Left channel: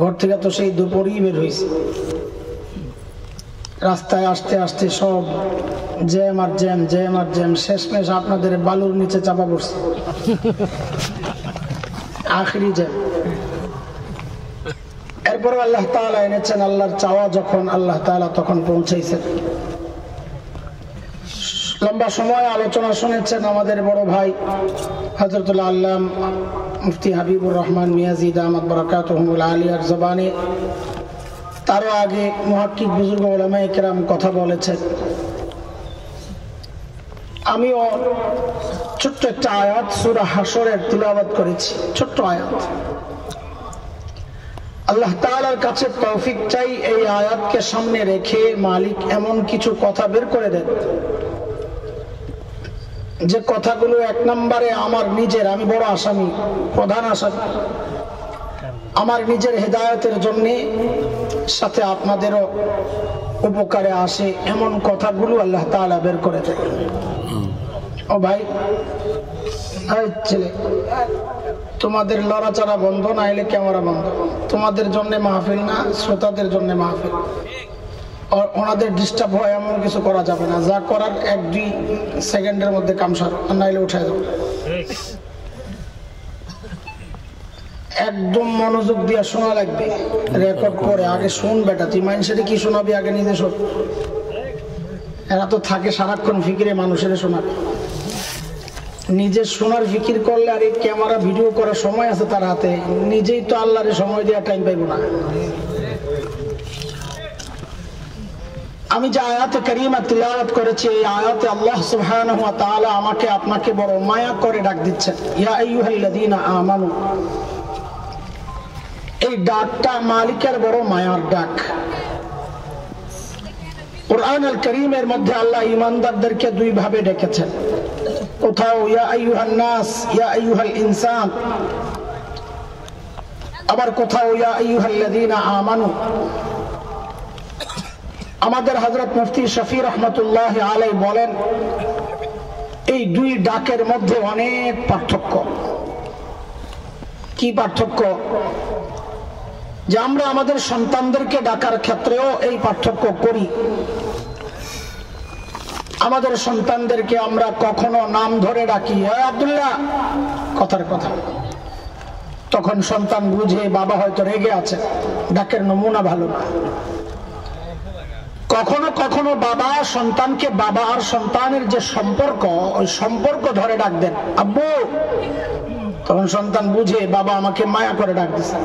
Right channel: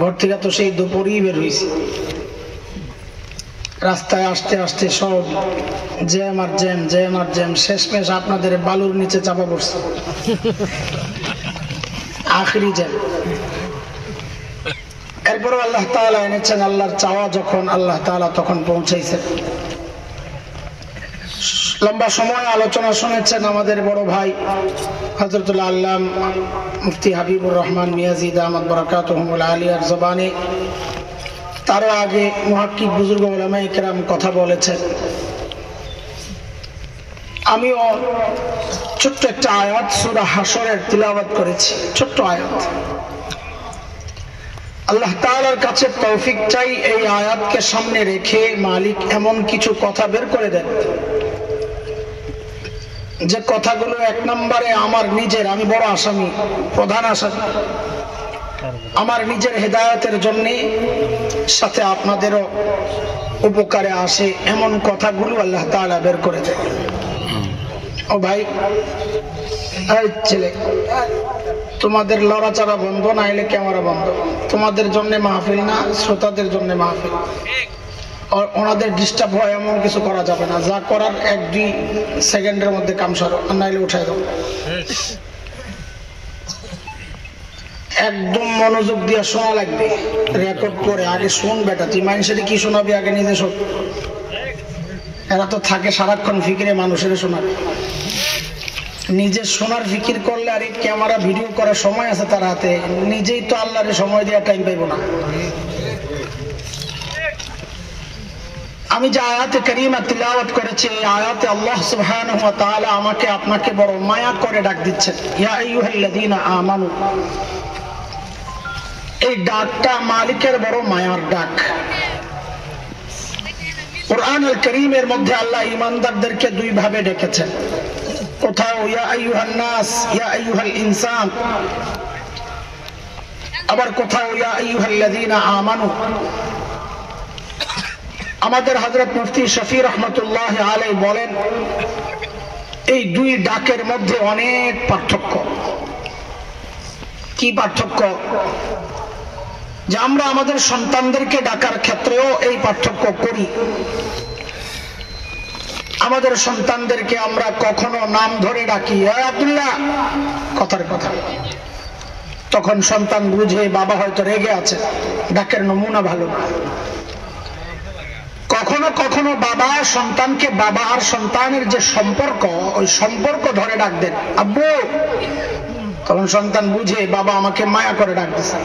ঘর থেকে তো সেই দুপুরই বের হয়েছি, রাস্তায় আসতে আসতে সব জ্যাম আর জ্যাম, জ্যাম আর জ্যাম, শেষমেশ আপনাদের বালুর নিচে চাপা পড়ছে, আখরি জ্যাম। এরপর আল্লাহ তাআলা এনেছেন, আল্লাহর চাওয়া যখন আল্লাহ তাআলা তখন পৌঁছাইছেন। লম্বা সময় আলোচনা শুনেছেন আমাদের বড় ভাই হযরতুল আল্লামা মুফতি হাবিবুর রহমান মিয়াজি দামাত বারাকাতুহুল আলিয়ার জবানে। তার আগে মুহাক্কিক বুজুর্গ উলামায়ে কেরাম কথা বলেছেন। আমিও ছোট্ট একটা আয়াত সূরা হাশরের তিলাওয়াত করেছি, ছোট্ট আয়াত। আল্লাহ তাআলার কাছে তৌফিক চাই এই আয়াতকে সামনে রেখে মালিক এমন কিছু কথা বের করে দেন যে কথাগুলো এক নম্বরে আমার নিজের, আমি বড় আসামি, প্রধান আসামি, আমার নিজের হেদায়েতের জন্য, সাথে আপনাদেরও উপকারে আসে এমন কথাগুলো আল্লাহ তাআলা বের করে দেন। ও ভাই, এই ছেলে, তোমাদের লড়াচড়া বন্ধ, না এলে ক্যামেরা বন্ধ। তোমাদের জন্য মাহফিল না, শ্রোতাদের জন্য মাহফিল। ওনাদের ডিস্টার্ব হয় এমন কিছু করা যাবে না, যা করার 1-2 সেকেন্ডের মধ্যে কাম সারো, নাইলে উঠাই দেবো। একদম মনোযোগ দিয়ে শোনা লাগবে, রেকর্ড করে। আগে শোন বেটা, তুই মানুষের কি শোনাবি, আগে নিজে শোন। এরা তো থাকে সারাক্ষণ ফিকিরে, মানুষের শোনাবে। নিজে শোনার ফিকির করলে আর এই ক্যামেরা ভিডিও করার সময় আছে তার হাতে, নিজেই তো আল্লাহরে সময় দেওয়ার টাইম পাইব না। আমি যে আয়াতে কারিমা তিলাওয়াত করেছি, এই আয়াতে আল্লাহ সুবহানাহু ওয়া তাআলা আমাকে আপনাকে বড় মায়া করে ডাক দিচ্ছেন, ইয়া আইয়ুহাল্লাযীনা আমানু। এই ডাকটা মালিকের বড় মায়ার ডাক। কুরআন আল কারীমের মধ্যে আল্লাহ ঈমানদারদেরকে দুই ভাবে ডেকেছেন। কোথাও ইয়া আইয়ুহান নাস, ইয়া আইয়ুহাল ইনসান, আবার কোথাও ইয়া আইয়ুহাল্লাযীনা আমানু। আমাদের হযরত মুফতি শফি রহমাতুল্লাহ আলাইহি বলেন, এই দুই ডাকের মধ্যে অনেক পার্থক্য। কি পার্থক্য? যে আমরা আমাদের সন্তানদেরকে ডাকার ক্ষেত্রেও এই পার্থক্য করি। আমাদের সন্তানদেরকে আমরা কখনো নাম ধরে ডাকি, আব্দুল্লাহ, কথার কথা। তখন সন্তান বুঝে বাবা হয়তো রেগে আছে, ডাকের নমুনা ভালো না। কখনো কখনো বাবা সন্তানকে, বাবা আর সন্তানের যে সম্পর্ক, ওই সম্পর্ক ধরে ডাক দেন, আব্বু। তখন সন্তান বুঝে বাবা আমাকে মায়া করে ডাক দিছে।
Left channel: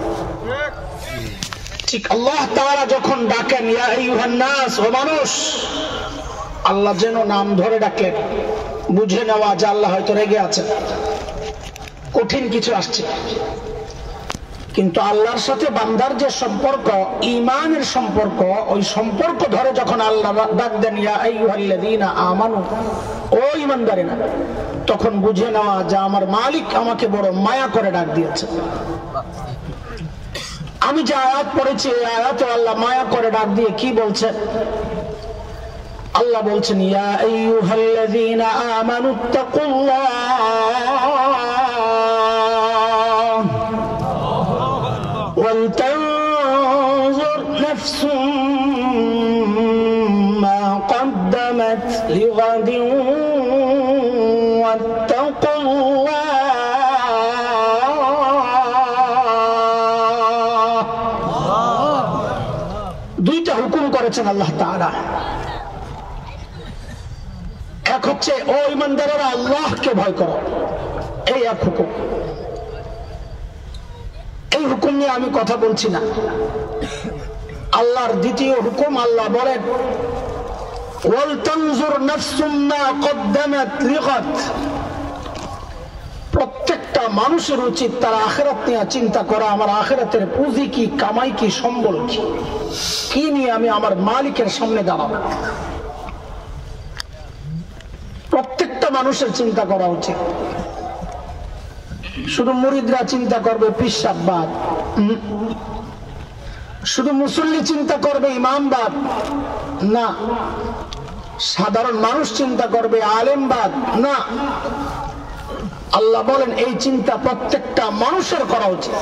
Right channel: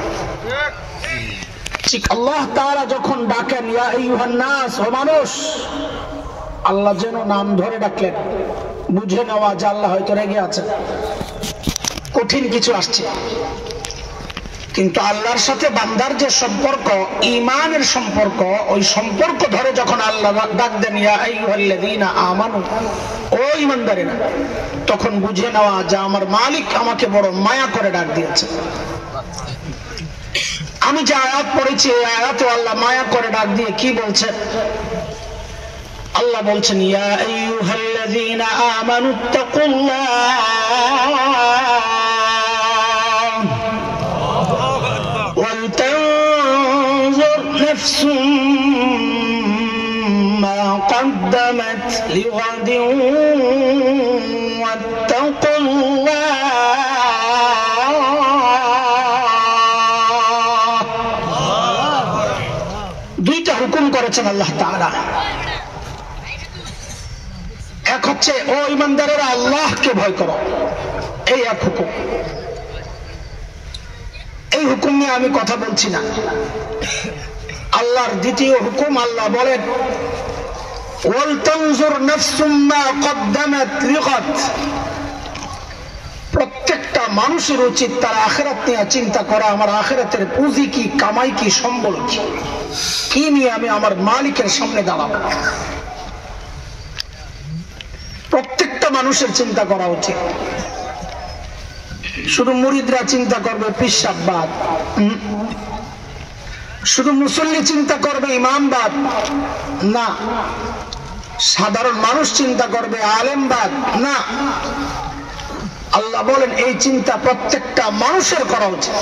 ঠিক আল্লাহ তাআলা যখন ডাকেন, ইয়া আইয়ুহান নাস, ও মানুষ, আল্লাহ যেন নাম ধরে ডাকলেন, বুঝে নেওয়া যে আল্লাহ হয়তো রেগে আছেন, কঠিন কিছু আসছে। কিন্তু আল্লাহর সাথে বান্দার যে সম্পর্ক, ঈমানের সম্পর্ক, ওই সম্পর্ক ধরে যখন আল্লাহ ডাক দেন, ইয়া আইয়ুহাল্লাযীনা আমানু, ও ঈমানদারেরা, তখন বুঝে নেওয়া যে আমার মালিক আমাকে বড় মায়া করে ডাক দিয়েছে। আমি যে আয়াত পড়েছি, এই আয়াতে আল্লাহ মায়া করে ডাক দিয়ে কি বলছেন? আল্লাহ বলছেন, ইয়া আইয়ুহাল্লাযীনা আমানুত্তাকুল্লাহ ওয়াল তানজুর নাফসুম মা কদ্দামাত লিগাদিন ওয়াত্তাকুল্লাহ। দুইটা হুকুম করেছেন আল্লাহ তাআলা। এক হচ্ছে, ও ঈমানদারেরা, আল্লাহকে ভয় করো, এই এক হুকুম। এই হুকুম নিয়ে আমি কথা বলছি না। আল্লাহর দ্বিতীয় হুকুম, আল্লাহ বলেন, ওয়াল তানজুর নাফসুম মা কদ্দামাত লিগাদ। প্রত্যেকটা মানুষের উচিত তার আখিরাত নিয়ে চিন্তা করা, আমার আখিরাতের পুঁজি কি, কামাই কি, সম্বল কি, কি নিয়ে আমি আমার মালিকের সামনে দাঁড়াবো। প্রত্যেকটা মানুষের চিন্তা করা উচিত। শুধু মুরিদরা চিন্তা করবে পিসাববাদ, শুধু মুসল্লি চিন্তা করবে ইমামবাদ না, সাধারণ মানুষ চিন্তা করবে আলেমবাদ না। আল্লাহ বলেন, এই চিন্তা প্রত্যেকটা মানুষের করা উচিত।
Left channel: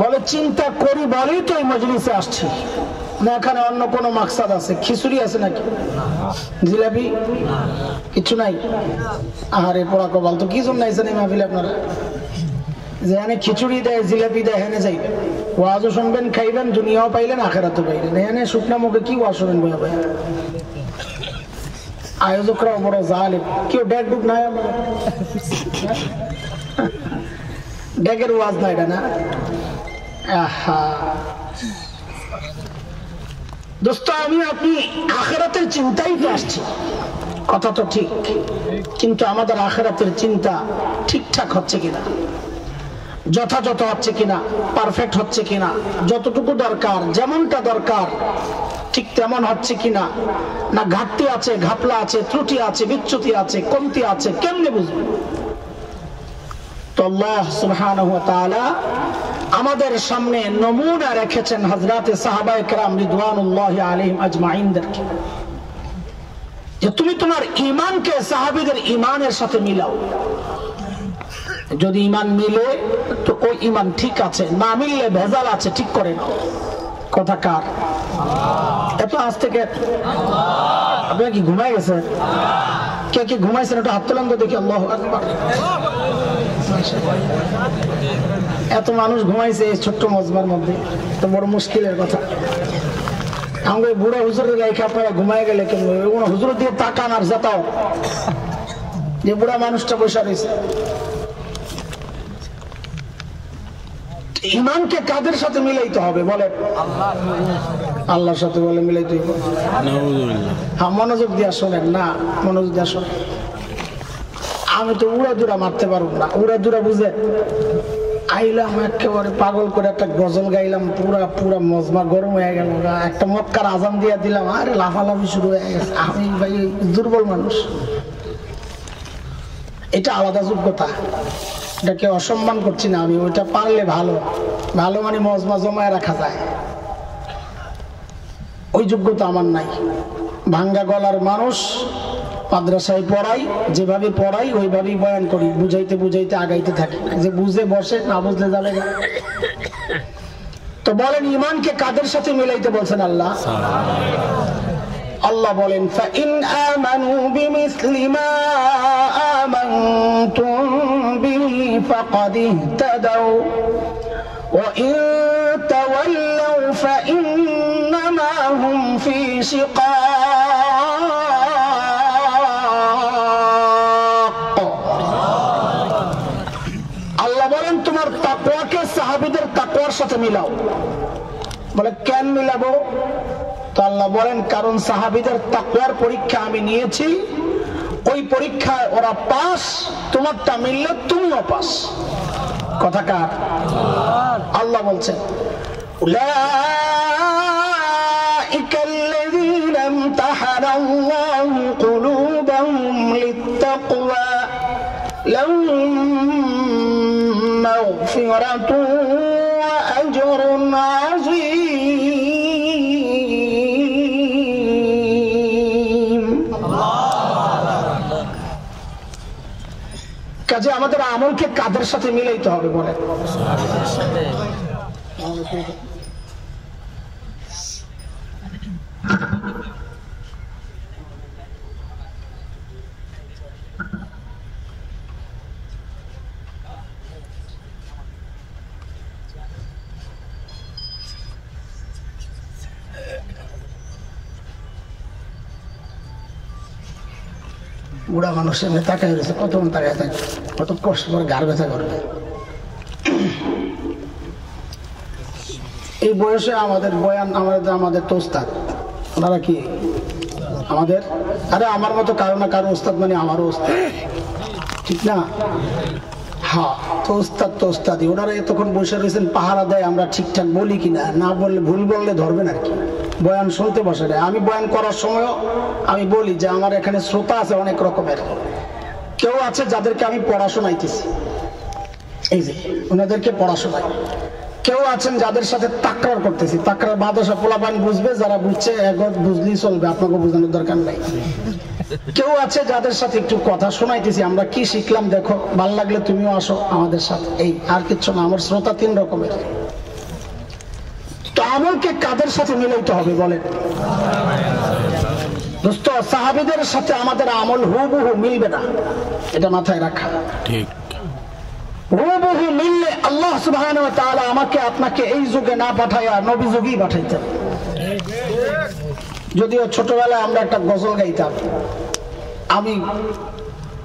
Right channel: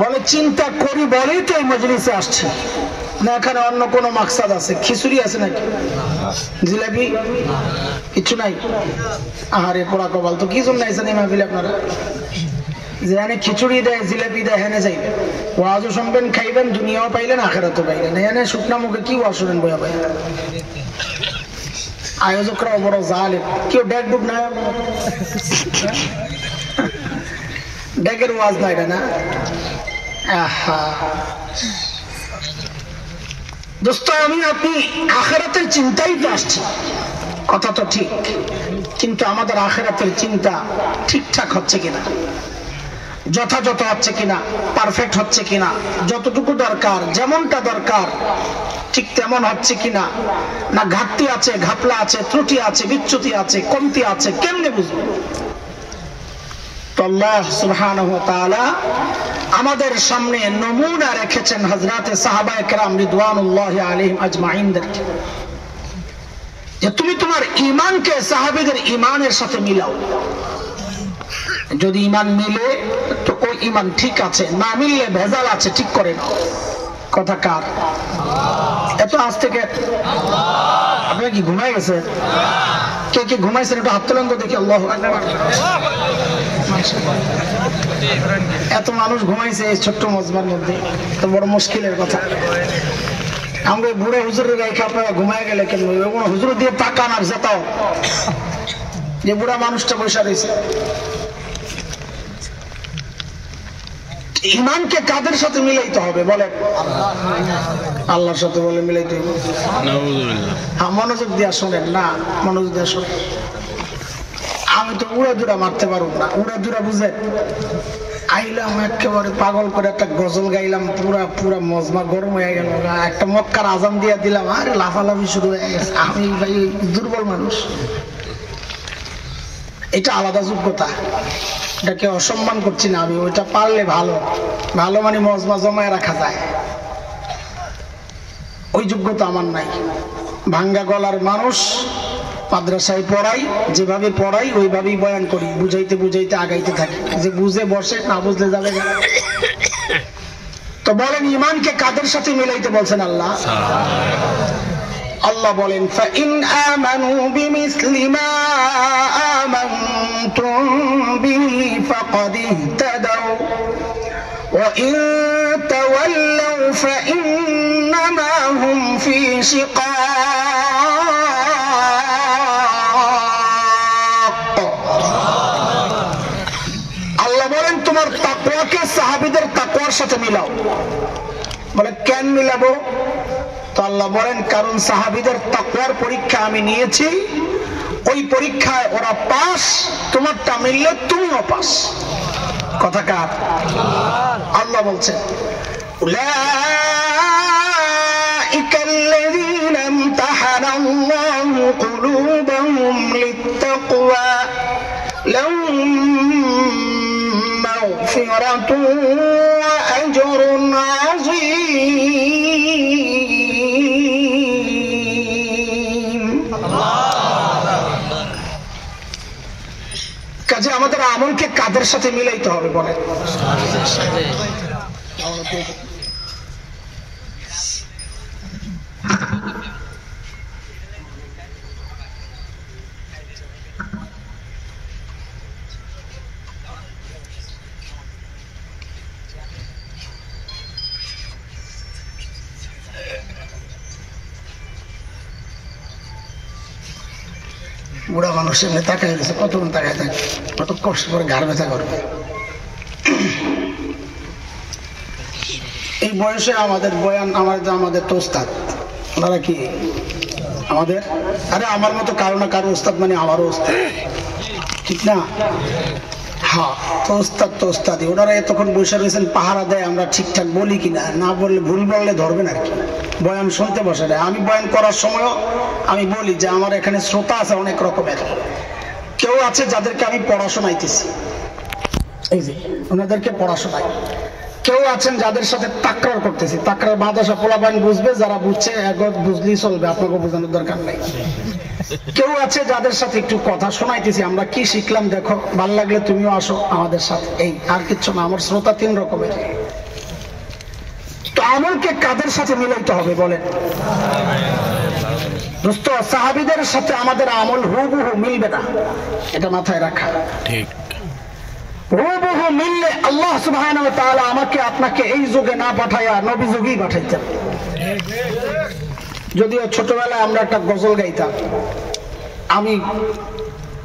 বলে চিন্তা করি বলেই তো এই মজলিসে আসছে, না এখানে অন্য কোনো মাকসাদ আছে? খিচুড়ি আছে নাকি, জিলাপি কিছু নাই? আহারে পোড়া কপাল, তো কি জন্য আইছেন এই মাহফিলে আপনারা? যেখানে খিচুড়ি দেয় জিলাপি দেয় হেনে যাইবেন, ওয়াজও শুনবেন খাইবেন, দুনিয়াও পাইলেন আখেরাতও পাইলেন। এখানে শুকনা মুখে কি ওয়াজ শুনেন বইয়া বইয়া? আয়োজকরাও বড় জালেম, কেউ ডেক ডুক নাই, ডেকের ওয়াজ না এটা না। দোস্ত আমি আপনি আখেরাতের চিন্তাই তো আসছি, কথা তো ঠিক, কিন্তু আমাদের আখেরাতের চিন্তা ঠিকঠাক হচ্ছে কিনা, যথাযথ হচ্ছে কিনা, পারফেক্ট হচ্ছে কিনা, যতটুকু দরকার যেমনটা দরকার ঠিক তেমন হচ্ছে কিনা, না ঘাটতি আছে, ঘাপলা আছে, ত্রুটি আছে, বিচ্যুতি আছে, কমতি আছে, কেমনে বুঝবো? তো আল্লাহ সুবহানাহু ওয়া তাআলা আমাদের সামনে নমুনা রেখেছেন হযরতে সাহাবায়ে কেরাম রিদওয়ানুল্লাহি আলাইহিম আজমাইনদেরকে, যে তুমি তোমার ঈমানকে সাহাবীদের ঈমানের সাথে মিলাও। যদি ঈমান মিলে তো ওই ঈমান ঠিক আছে, না মিললে ভেজাল আছে, ঠিক করে নাও। কথা কার? এত আজ থেকে আপনারা কি ঘুমাই গেছেন? কে কে ঘুমাইছেন একটু হাত তোলেন তো দেখি। আল্লাহু আকবার। এত মানুষ ঘুমাইছে এই ছোট্ট মজমার মধ্যে, তো বড় মুশকিলের কথা। আমাকে বুড়ে হুজুরের গায়ে আপনারা ঘুমাই গেলে কেন? হুজুর দিয়ে তাকান আর যেতাও, যে বুড়া মানুষটা বসে রয়েছে। ঈমানকে কাদের সাথে মিলাইতে হবে বলে? আল্লাহর সাথে বলে মিলাইতে হবে। হ্যাঁ, মনোযোগ দিয়া শোনেন না, মনোযোগ দিয়া শোনেন। আমি তো উড়া দুরা মারতে পারবো না, উড়া দুরা বুঝেন? আইলাম একেবারে পাগল করে একটা গজল গাইলাম, পুরা পুরা মজমা গরম হয়ে গেল, একটা মক্কার আজান দিয়া দিলাম, আরে লাফালাফি শুরু হয়ে গেছে। আমি ভাই দুর্বল মানুষ, এটা আলাদা যোগ্যতা, এটাকে অসম্মান করছি না আমি। ওইটা পারলে ভালো, ভালো মানে মজমা জমায় রাখা যায়, ওই যোগ্যতা আমার নাই। ভাঙ্গা গলার মানুষ, মাদ্রাসায় পড়াই, যেভাবে পড়াই ওইভাবেই বয়ান করি, বুঝাইতে বুঝাইতে আগাইতে থাকি, যে বুঝে বসে না বুঝলে যাবে না। তো বলেন ঈমানকে কাদের সাথে মিলাইতে বলছেন আল্লাহ? আল্লাহ বলেন ফাইন আমানু বিমিসলি মা আমানতুম বিহি ফাকাদ ইহতাদাউ ওয়া ইন তাওয়াল্লাউ ফাইন্নামা হুম ফি শিকাক। আল্লাহ বলেন তোমার তাকওয়াকে সাহাবীদের তাকওয়ার সাথে মিলাও। বলে কেন মিলাবো? তো আল্লাহ বলেন কারণ সাহাবীদের তাকওয়ার পরীক্ষা আমি নিয়েছি, ওই পরীক্ষায় ওরা পাস, তোমারটা মিললে তুমিও পাস। কথা কার? আল্লাহ বলছেন উলাইকাল্লাযীনা ইমতাহানাল্লাহু কুলুবাহুম লিত্তাকওয়া লাহুম মাগফিরাতুন ওয়া আজরুন আযীম। কাজে আমাদের আমলকে কাদের সাথে মিলাইতে হবে বলে? বুড়া মানুষের তাকায় গেছে, কতক্ষণ তাকায় থাকে, কত কষ্ট করে ঘাড় ব্যথা করবে। এই বয়সে আমাদের বয়ান, আমাদের তো উস্তাদ, ওনারা কি আমাদের? আরে আমার মতো কারো না কারো উস্তাদ মানে আমারও উস্তাদ, ঠিক না? হ্যাঁ, তো উস্তাদ তো উস্তাদই। ওনারা এতক্ষণ বসে রয়েছেন, পাহারা দেয় আমরা ঠিকঠাক বলি কিনা, না বললে ভুল বললে ধরবেন আর কি। বয়ান শুনতে বসে দেয়। আমি বয়ান করার সময়ও আমি বলি যে আমার এখানে শ্রোতা আছে অনেক রকমের, কেউ আছে যাদেরকে আমি পড়াশোনাইতেছি, এই যে ওনাদেরকে পড়াশোনাই। কেউ আছেন যাদের সাথে তাকরার করতেছি, তাকরার বাতাসা পোলাপান বুঝবে, যারা বুঝছে একবার বুঝলেই চলবে, আপনাকে বোঝানোর দরকার নাই। কেউ আছে যাদের সাথে একটু কথা শোনাইতেছি, আমরা কি শিখলাম দেখো, ভাল লাগলে তুমিও আসো আমাদের সাথে, এই আর কিচ্ছু না। আমার শ্রোতা তিন রকমের, তো আমলকে কাদের সাথে মিলাইতে হবে বলেন দোস্ত? সাহাবীদের সাথে আমাদের আমল হুবহু মিলবে না, এটা মাথায় রাখা ঠিক। হুবহু মিললে আল্লাহ সুবহানাহু ওয়া তাআলা আমাকে আপনাকে এই যুগে না পাঠায়া নবী যুগেই পাঠাইতেন। যদিও ছোটবেলায় আমরা একটা গজল গাইতাম, আমি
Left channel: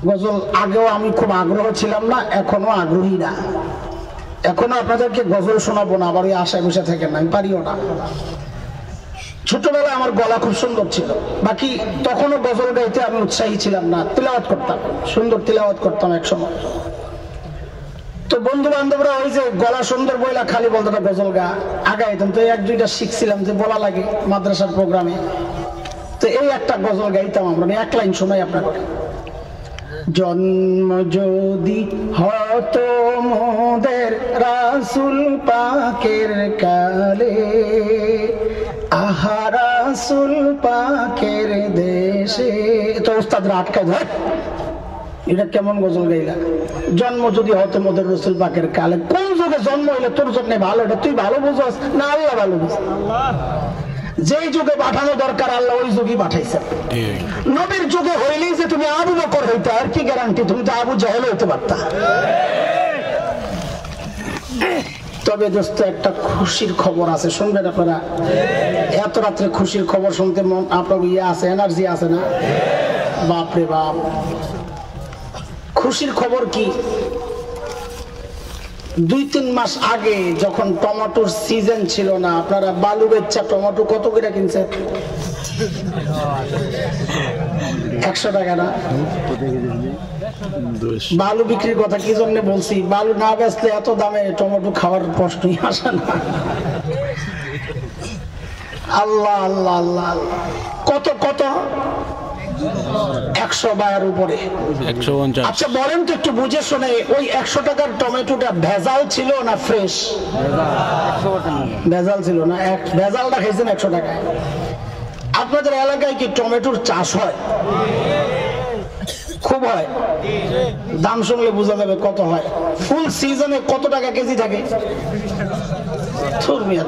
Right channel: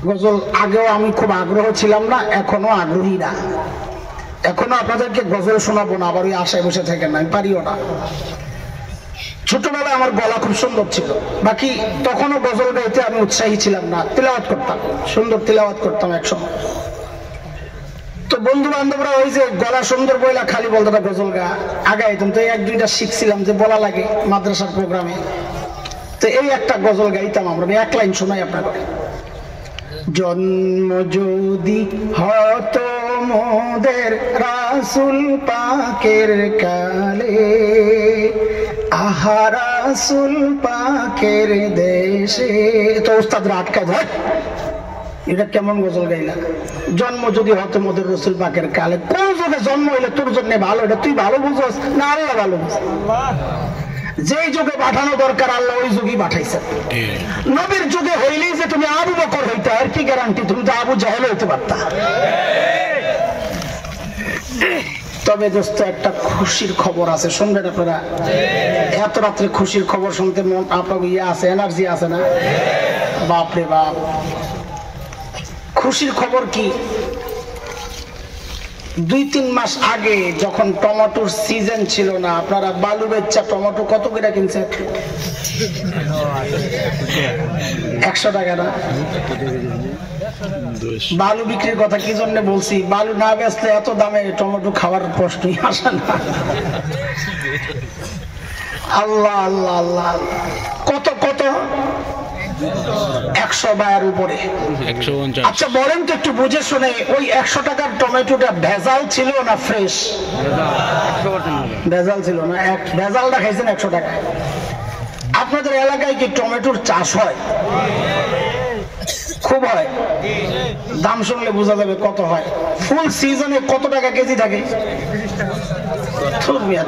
গজল আগেও আমি খুব আগ্রহ ছিলাম না, এখনো আগ্রহী না। এখনো আপনাদেরকে গজল শোনাবো না, আবার ওই আশায় বসে থাকেন না, আমি পারিও না। ছোটবেলায় আমার গলা খুব সুন্দর ছিল, বাকি তখনও গজল গাইতে আমি উৎসাহী ছিলাম না। তিলাওয়াত করতাম, সুন্দর তিলাওয়াত করতাম একসময়। তো বন্ধু বান্ধবরা ওই যে গলা সুন্দর বইলা খালি বলতো গজল গা, আগাইতাম। তো এক দুইটা শিখছিলাম যে বলা লাগে মাদ্রাসার প্রোগ্রামে। তো এই একটা গজল গাইতাম আমরা, এক লাইন শোনাই আপনাকে। জন্ম যদি হতো মোদের রাসূল পাকের কালে, আহা রাসূল পাকের দেশে। তো উস্তাদরা আটকায় ধরে, এটা কেমন গজল গাইলা? জন্ম যদি হতো মোদের রাসূল পাকের কালে, কোন যুগে জন্ম হইলে তোর জন্য ভালো, এটা তুই ভালো বুঝোস না আল্লাহ ভালো বুঝ? যেই যুগে পাঠানো দরকার আল্লাহ ওই যুগই পাঠাইছে। নবীর যুগে হইলেই যে তুমি আবু বকর হইতে, আর কি গ্যারান্টি তুমি তো আবু জাহেল হইতে পারতা? তবে দোস্ত একটা খুশির খবর আছে, শুনবেন আপনারা? এত রাত্রে খুশির খবর শুনতে মন আপনার ইয়ে আছে, এনার্জি আছে না? বাপরে বাপ, খুশির খবর কি? 2-3 মাস আগে যখন টমেটোর সিজন ছিল না, আপনারা বালু বেচা টমেটো কত করে কিনছেন? 100 টাকা না? বালু বিক্রির কথা কি জন্য বলছি, বালু না বেচলে এত দামে টমেটো খাওয়ার প্রশ্নই আসে না। আল্লাহ আল্লাহ আল্লাহ, কত কত 100 টাকার উপরে। আচ্ছা বলেন তো একটু বুঝে শুনে, ওই 100 টাকার টমেটোটা ভেজাল ছিল না ফ্রেশ? ভেজাল ছিল না, ভেজালটা খাইছেন 100 টাকায়। আপনাদের এলাকায় কি টমেটোর চাষ হয়? খুব হয়? দাম শুনলে বোঝা যাবে কত হয়। ফুল সিজনে কত টাকা কেজি থাকে?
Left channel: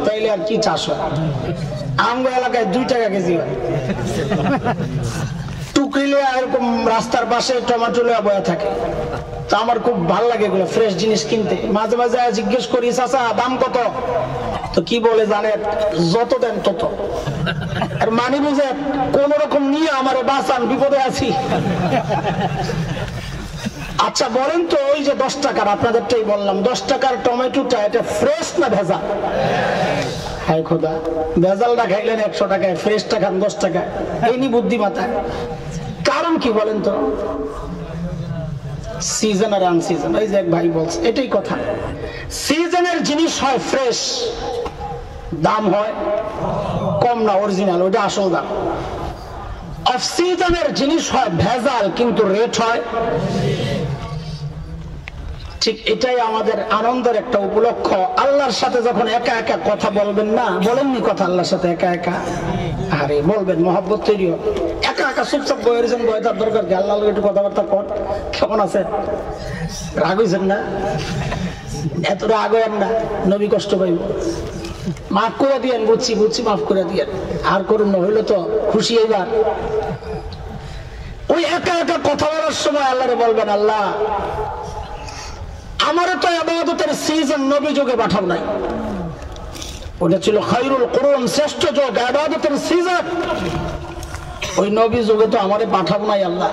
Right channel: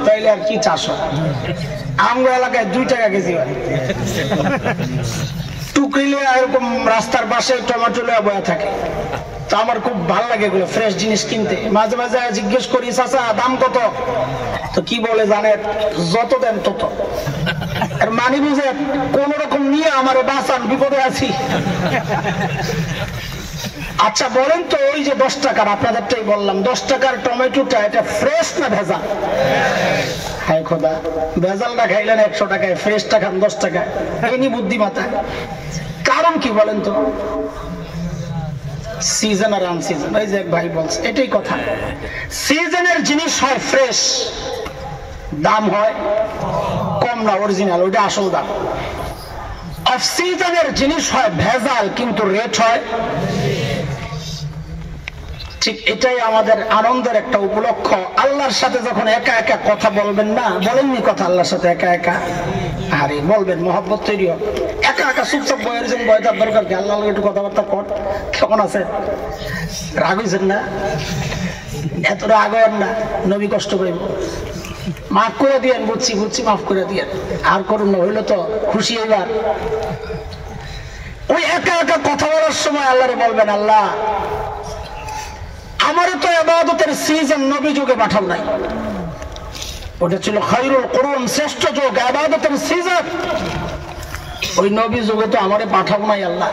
তাইলে আর কি চাষ হয়? আমগো এলাকায় 2 টাকা কেজি হয়। টুকরিলে এরকম রাস্তার পাশে টমেটো লয়ে বয়া থাকে। তো আমার খুব ভালো লাগে এগুলো ফ্রেশ জিনিস কিনতে। মাঝে মাঝে জিজ্ঞেস করি, চাচা দাম কত? তো কি বলে জানে, যত দেন তত। আর মানি বুঝে কোন রকম নিয়ে আমারে বাঁচান, বিপদে আছি। আচ্ছা বলেন তো, ওই যে 10 টাকার, আপনাদেরটাই বললাম, 10 টাকার টমেটোটা এটা ফ্রেশ না ভেজাল? হায় খোদা, ভেজালটা খাইলেন 100 টাকায়, ফ্রেশটা খান 10 টাকায়। এইনি বুদ্ধিমাতা। কারণ কি বলেন তো? সিজন আর আনসিজন। এই যে এক ভাই বলছে, এটাই কথা। সিজনের জিনিস হয় ফ্রেশ, দাম হয় কম না, অরিজিনাল, ওইটা আসল দাম। অফ সিজনের জিনিস হয় ভেজাল, কিন্তু রেট হয়। ঠিক এটাই আমাদের আনন্দের একটা উপলক্ষ। আল্লাহর সাথে যখন একা একা কথা বলবেন না, বলেননি কথা আল্লাহর সাথে একা একা? আরে বলবেন, মহব্বত তৈরি হবে। একা একা চুপচাপ বইয়েছেন, বয়টার দরকার কি? আল্লাহ একটু কথাবার্তা কর। কেমন আছে? রাগ হয়েছেন না? এত রাগ হবেন না, নবী কষ্ট পাইব। মাফ করে দিয়েন, বুঝছি বুঝছি, মাফ করে দিয়েন, আর করুন না, হইলো তো খুশি। এবার ওই একা একা কথা বলার সময় আল্লাহরে বলবেন, আল্লাহ আমারও তো ইবাদতের সিজন নবী যুগে পাঠাও নাই। ওটা ছিল খায়রুল কুরুন, শ্রেষ্ঠ যুগ, ইবাদতের সিজন। ওই নবী যুগে তো আমারে পাঠাও নাই আল্লাহ।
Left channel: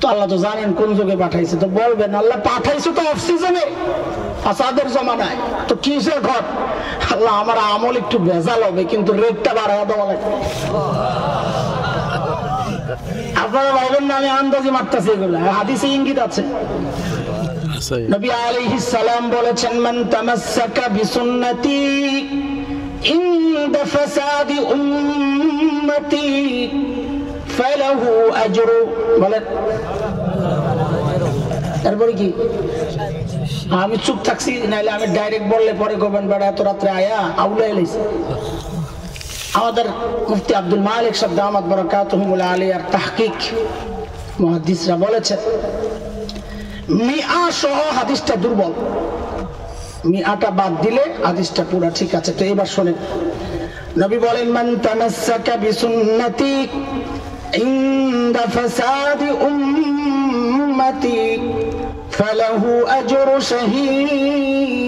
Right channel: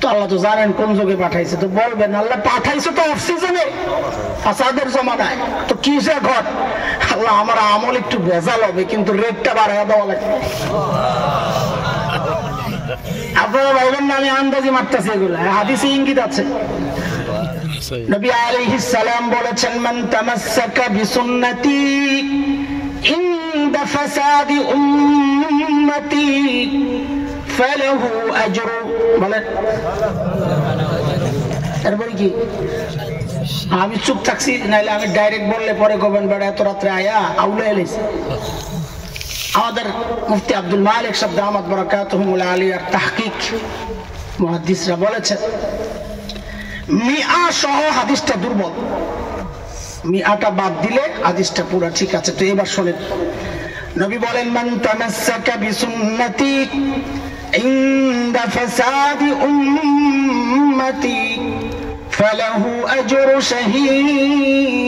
তো আল্লাহ তো জানেন কোন যুগে পাঠাইছে। তো বলবেন, আল্লাহ পাঠাইছে তো অফ সিজনে, ফাসাদের জমানায়। তো কিসে ঘট? আল্লাহ আমার আমল একটু ভেজাল হবে, কিন্তু রেটটা বাড়াইয়া দেওয়া লাগবে। আপনারা ভাইবেন না আমি আন্দাজি মারতেছি, এগুলো হাদিসে ইঙ্গিত আছে। নবী আলাইহিস সালাম বলেছেন, মান তামাসসাকা বিসুন্নতি ইনদা ফাসাদি উম্মতি ফালাহু আজরু। বলেন এরপরে কি? আমি চুপ থাকছি, নাইলে আমি ডাইরেক্ট বললে পরে কবেন বড় এত রাত্রে আয়া আউলা এলিস। আমাদের মুফতি আব্দুল মালিক সাহেব দামাত বরাকাতুহুল আলিয়ার তাহকিক মুহাদ্দিসরা বলেছেন, মিআ সহ হাদিসটা দুর্বল। মিআটা বাদ দিলে হাদিসটা পুরো ঠিক আছে। তো এবার শুনেন, নবী বলেন মান তামাসসাকা বিসুন্নতি ইনদা ফাসাদি উম্মতি ফালাহু আজরু শাহীদ।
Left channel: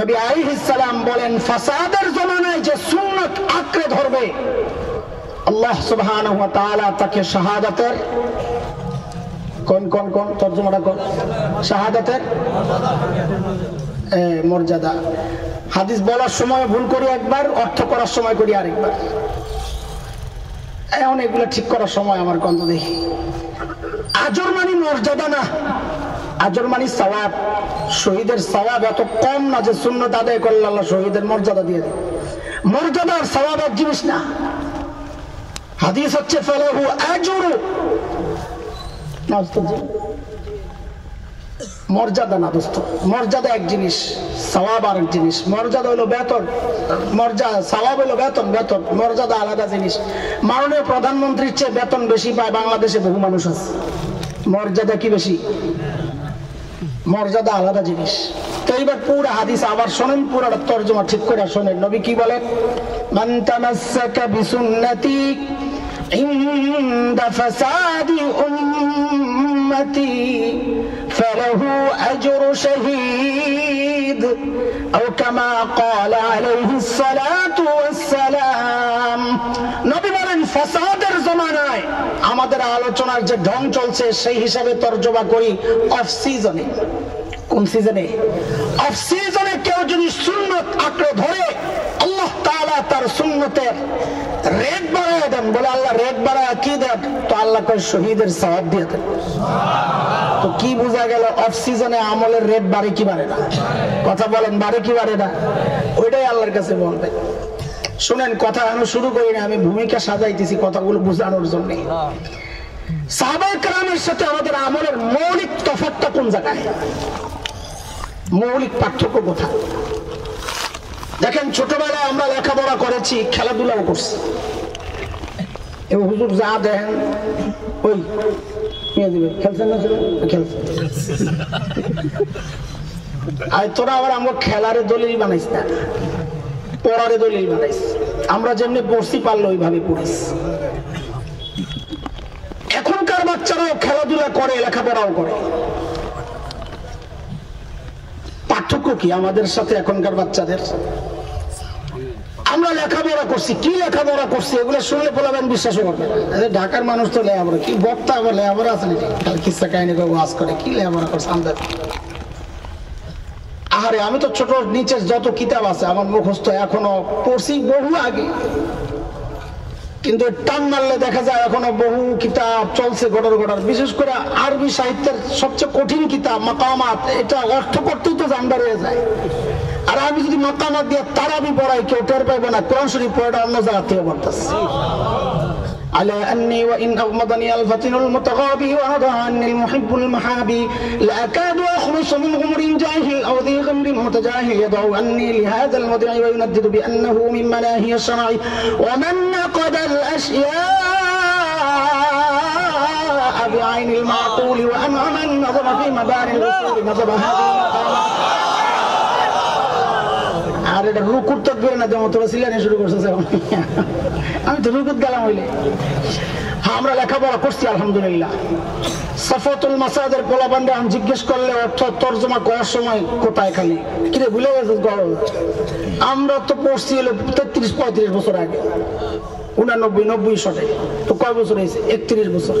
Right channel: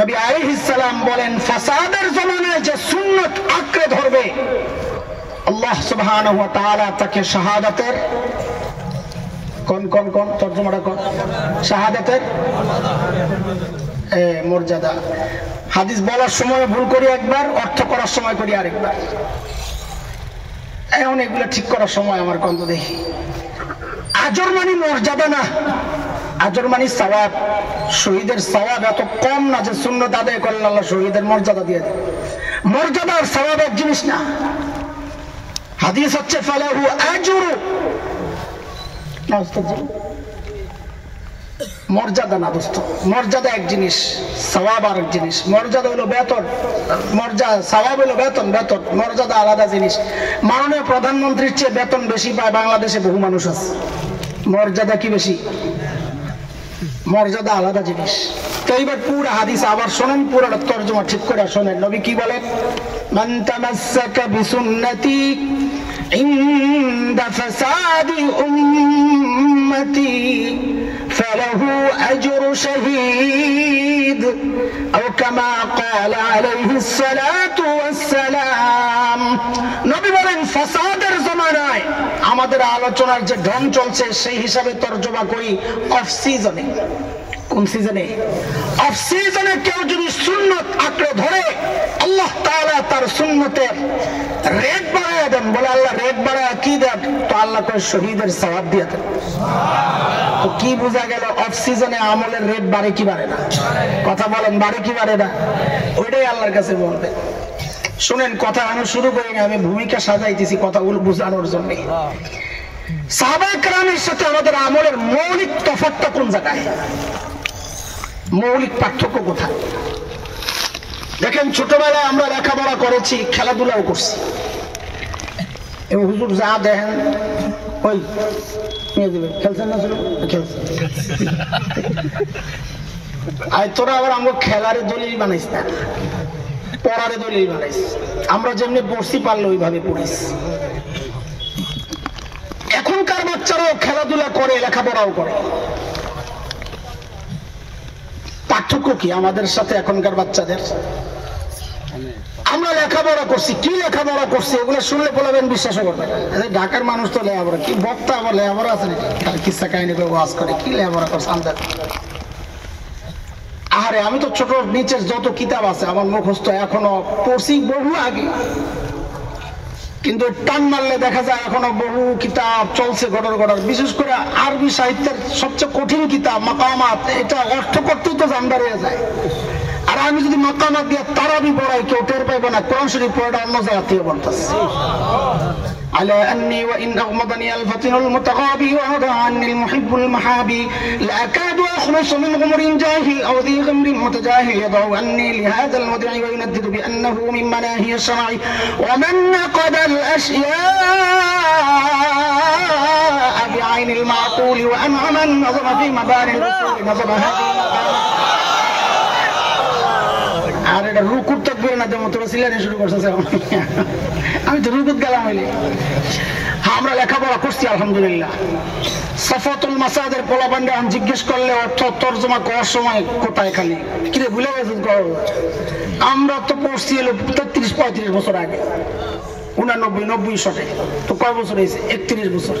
নবী আলাইহিস সালাম বলেন ফাসাদের জমানায় যে সুন্নাত আঁকড়ে ধরবে আল্লাহ সুবহানাহু ওয়া তাআলা তাকে শাহাদাতের কোন কোন কোন তরজমাটা কোন শাহাদাতের মর্যাদা। হাদিস বলার সময় ভুল করি একবার, অর্থ করার সময় করি আরেকবার। এখন এগুলো ঠিক করার সময় আমার কত দেখি। আজর মানে মর্যাদা না, আজর মানে সওয়াব। শহীদের সওয়াব এত কম না যে সুন্নাত আদায় করলে আল্লাহ শহীদের মর্যাদা দিয়ে দেয়। মর্যাদা আর সওয়াব এক জিনিস না। হাদিস হচ্ছে ফালাহু আজরু, মর্যাদা না দোস্ত। মর্যাদা এক জিনিস, সওয়াব আর এক জিনিস। মর্যাদা হলো বেতন, মর্যাদা সওয়াব হলো বেতন, বেতন মর্যাদা আলাদা জিনিস। মাননীয় প্রধানমন্ত্রীর চেয়ে বেতন বেশি পায় বাংলাদেশে বহু মানুষ আছে, মর্যাদা কি বেশি? মর্যাদা আলাদা জিনিস। তো এইবার পুরো হাদিস আবার শোনেন, পুরো তরজমা ঠিক করে শোনেন। নবী কি বলেন? মান তামাসসাকা বিসুন্নতি ইনদা ফাসাদি উম্মতি ফালাহু আজরু শাহীদ আও কামা ক্বালা আলাইহিস সালাতু ওয়াস সালাম। নবী বলেন ফাসাদের জমানায় আমাদের আলোচনার যে ঢং চলছে সেই হিসাবে তরজমা করি অফ সিজনে। কোন সিজনে? অফ সিজনে কেউ যদি সুন্নাত আঁকড়ে ধরে আল্লাহ তাআলা তার সুন্নতের রেট বাড়ায় দেন। বলে আল্লাহ রেট বাড়ায় কি দেন? তো আল্লাহ কয় শহীদের সওয়াব দিয়ে দেন। তো কি বোঝা গেল? অফ সিজনে আমলের রেট বাড়ে কি বাড়ে না? কথা বলেন, বাড়ে কি বাড়ে না? ওইটাই আল্লাহর কাছে বলবে। শুনেন, কথা আমি শুরু করিনি, আমি ভূমিকা সাজাইতেছি কথাগুলো বোঝানোর জন্য। সাহাবায়ে কেরামের সাথে আমাদের আমলের মৌলিক তফাৎটা কোন জায়গায়? মৌলিক পার্থক্য কোথায়? দেখেন, ছোটবেলায় আমরা লেখাপড়া করেছি, খেলাধুলাও করছি। এবং হুজুর যা দেখেন ওই খেলছেন না, খেলছেন। আর তোরা আবার আমরা খেলারে দলিল বানাইস না, পড়ারে দলিল বানাইস। আমরা যেমনি পড়ছি পারলে ওইভাবে পড়িস। এখনকার বাচ্চারাও খেলাধুলা করে, লেখাপড়াও করে। পার্থক্য কি আমাদের সাথে এখনকার বাচ্চাদের? আমরা লেখাপড়া করছি, কি লেখাপড়া করছি এগুলো শুনলে বলবেন, বিশ্বাসও করবে না। ঢাকার মানুষ তো লেখাপড়া কি বক্তা, আবার লেখাপড়া আছে নাকি? তার কিসা কাহিনী করে ওয়াজ করে, কি লেখাপড়া করছে আমাদের? আরে আমি তো ছোট নিচের যত কিতাব আছে আমার মুখস্থ এখনো পড়ছি বহু আগে, কিন্তু টান মারলে দেখা যায় এখনো বহু কিতাব চলছে ঘটর ঘটর। বিশেষ করে আরবি সাহিত্যের সবচেয়ে কঠিন কিতাব মাকামাত, এটা অর্থ করতেই তো জানবার হয়ে যায়। আর আমি যদি মাকামাত দিয়ে তারাবি পড়াই কেউ টের পাইবে না, কোরআন শরীফ পড়াটা অন্য জায়গা থেকে পড়তেছে। على أني وإن أغمضني الفتن المتغابي وأضع عني المحب المحابي لأكاد أخلص من غمر جاهل أو ذي غمر متجاهل يضع عني لهذا المدع ويندد بأنه من مناهي الشرع ومن نقد الأشياء بعين المعقول وأنعم النظر في مبان الرسول نظر هذه আর এটা রুকুর তাকবীর না, যেমন তোরা সিলানি শুরু করছিস। আমি তো রুকুত গেলাম হইলে। হ্যাঁ, আমরা লেখাপড়া করছি আলহামদুলিল্লাহ। সাফাতুল মাসাদের পোলাপান্ডে এখন জিজ্ঞেস করলে অর্থ তর্জমা করার সময় কোথায় খালি কিরে ভুলে গেছিস? আমরা তো পড়ছি এলো 33-35 বছর আগে, 89-90 শটে। তো কয় বছর হয়েছে? 31 বছর।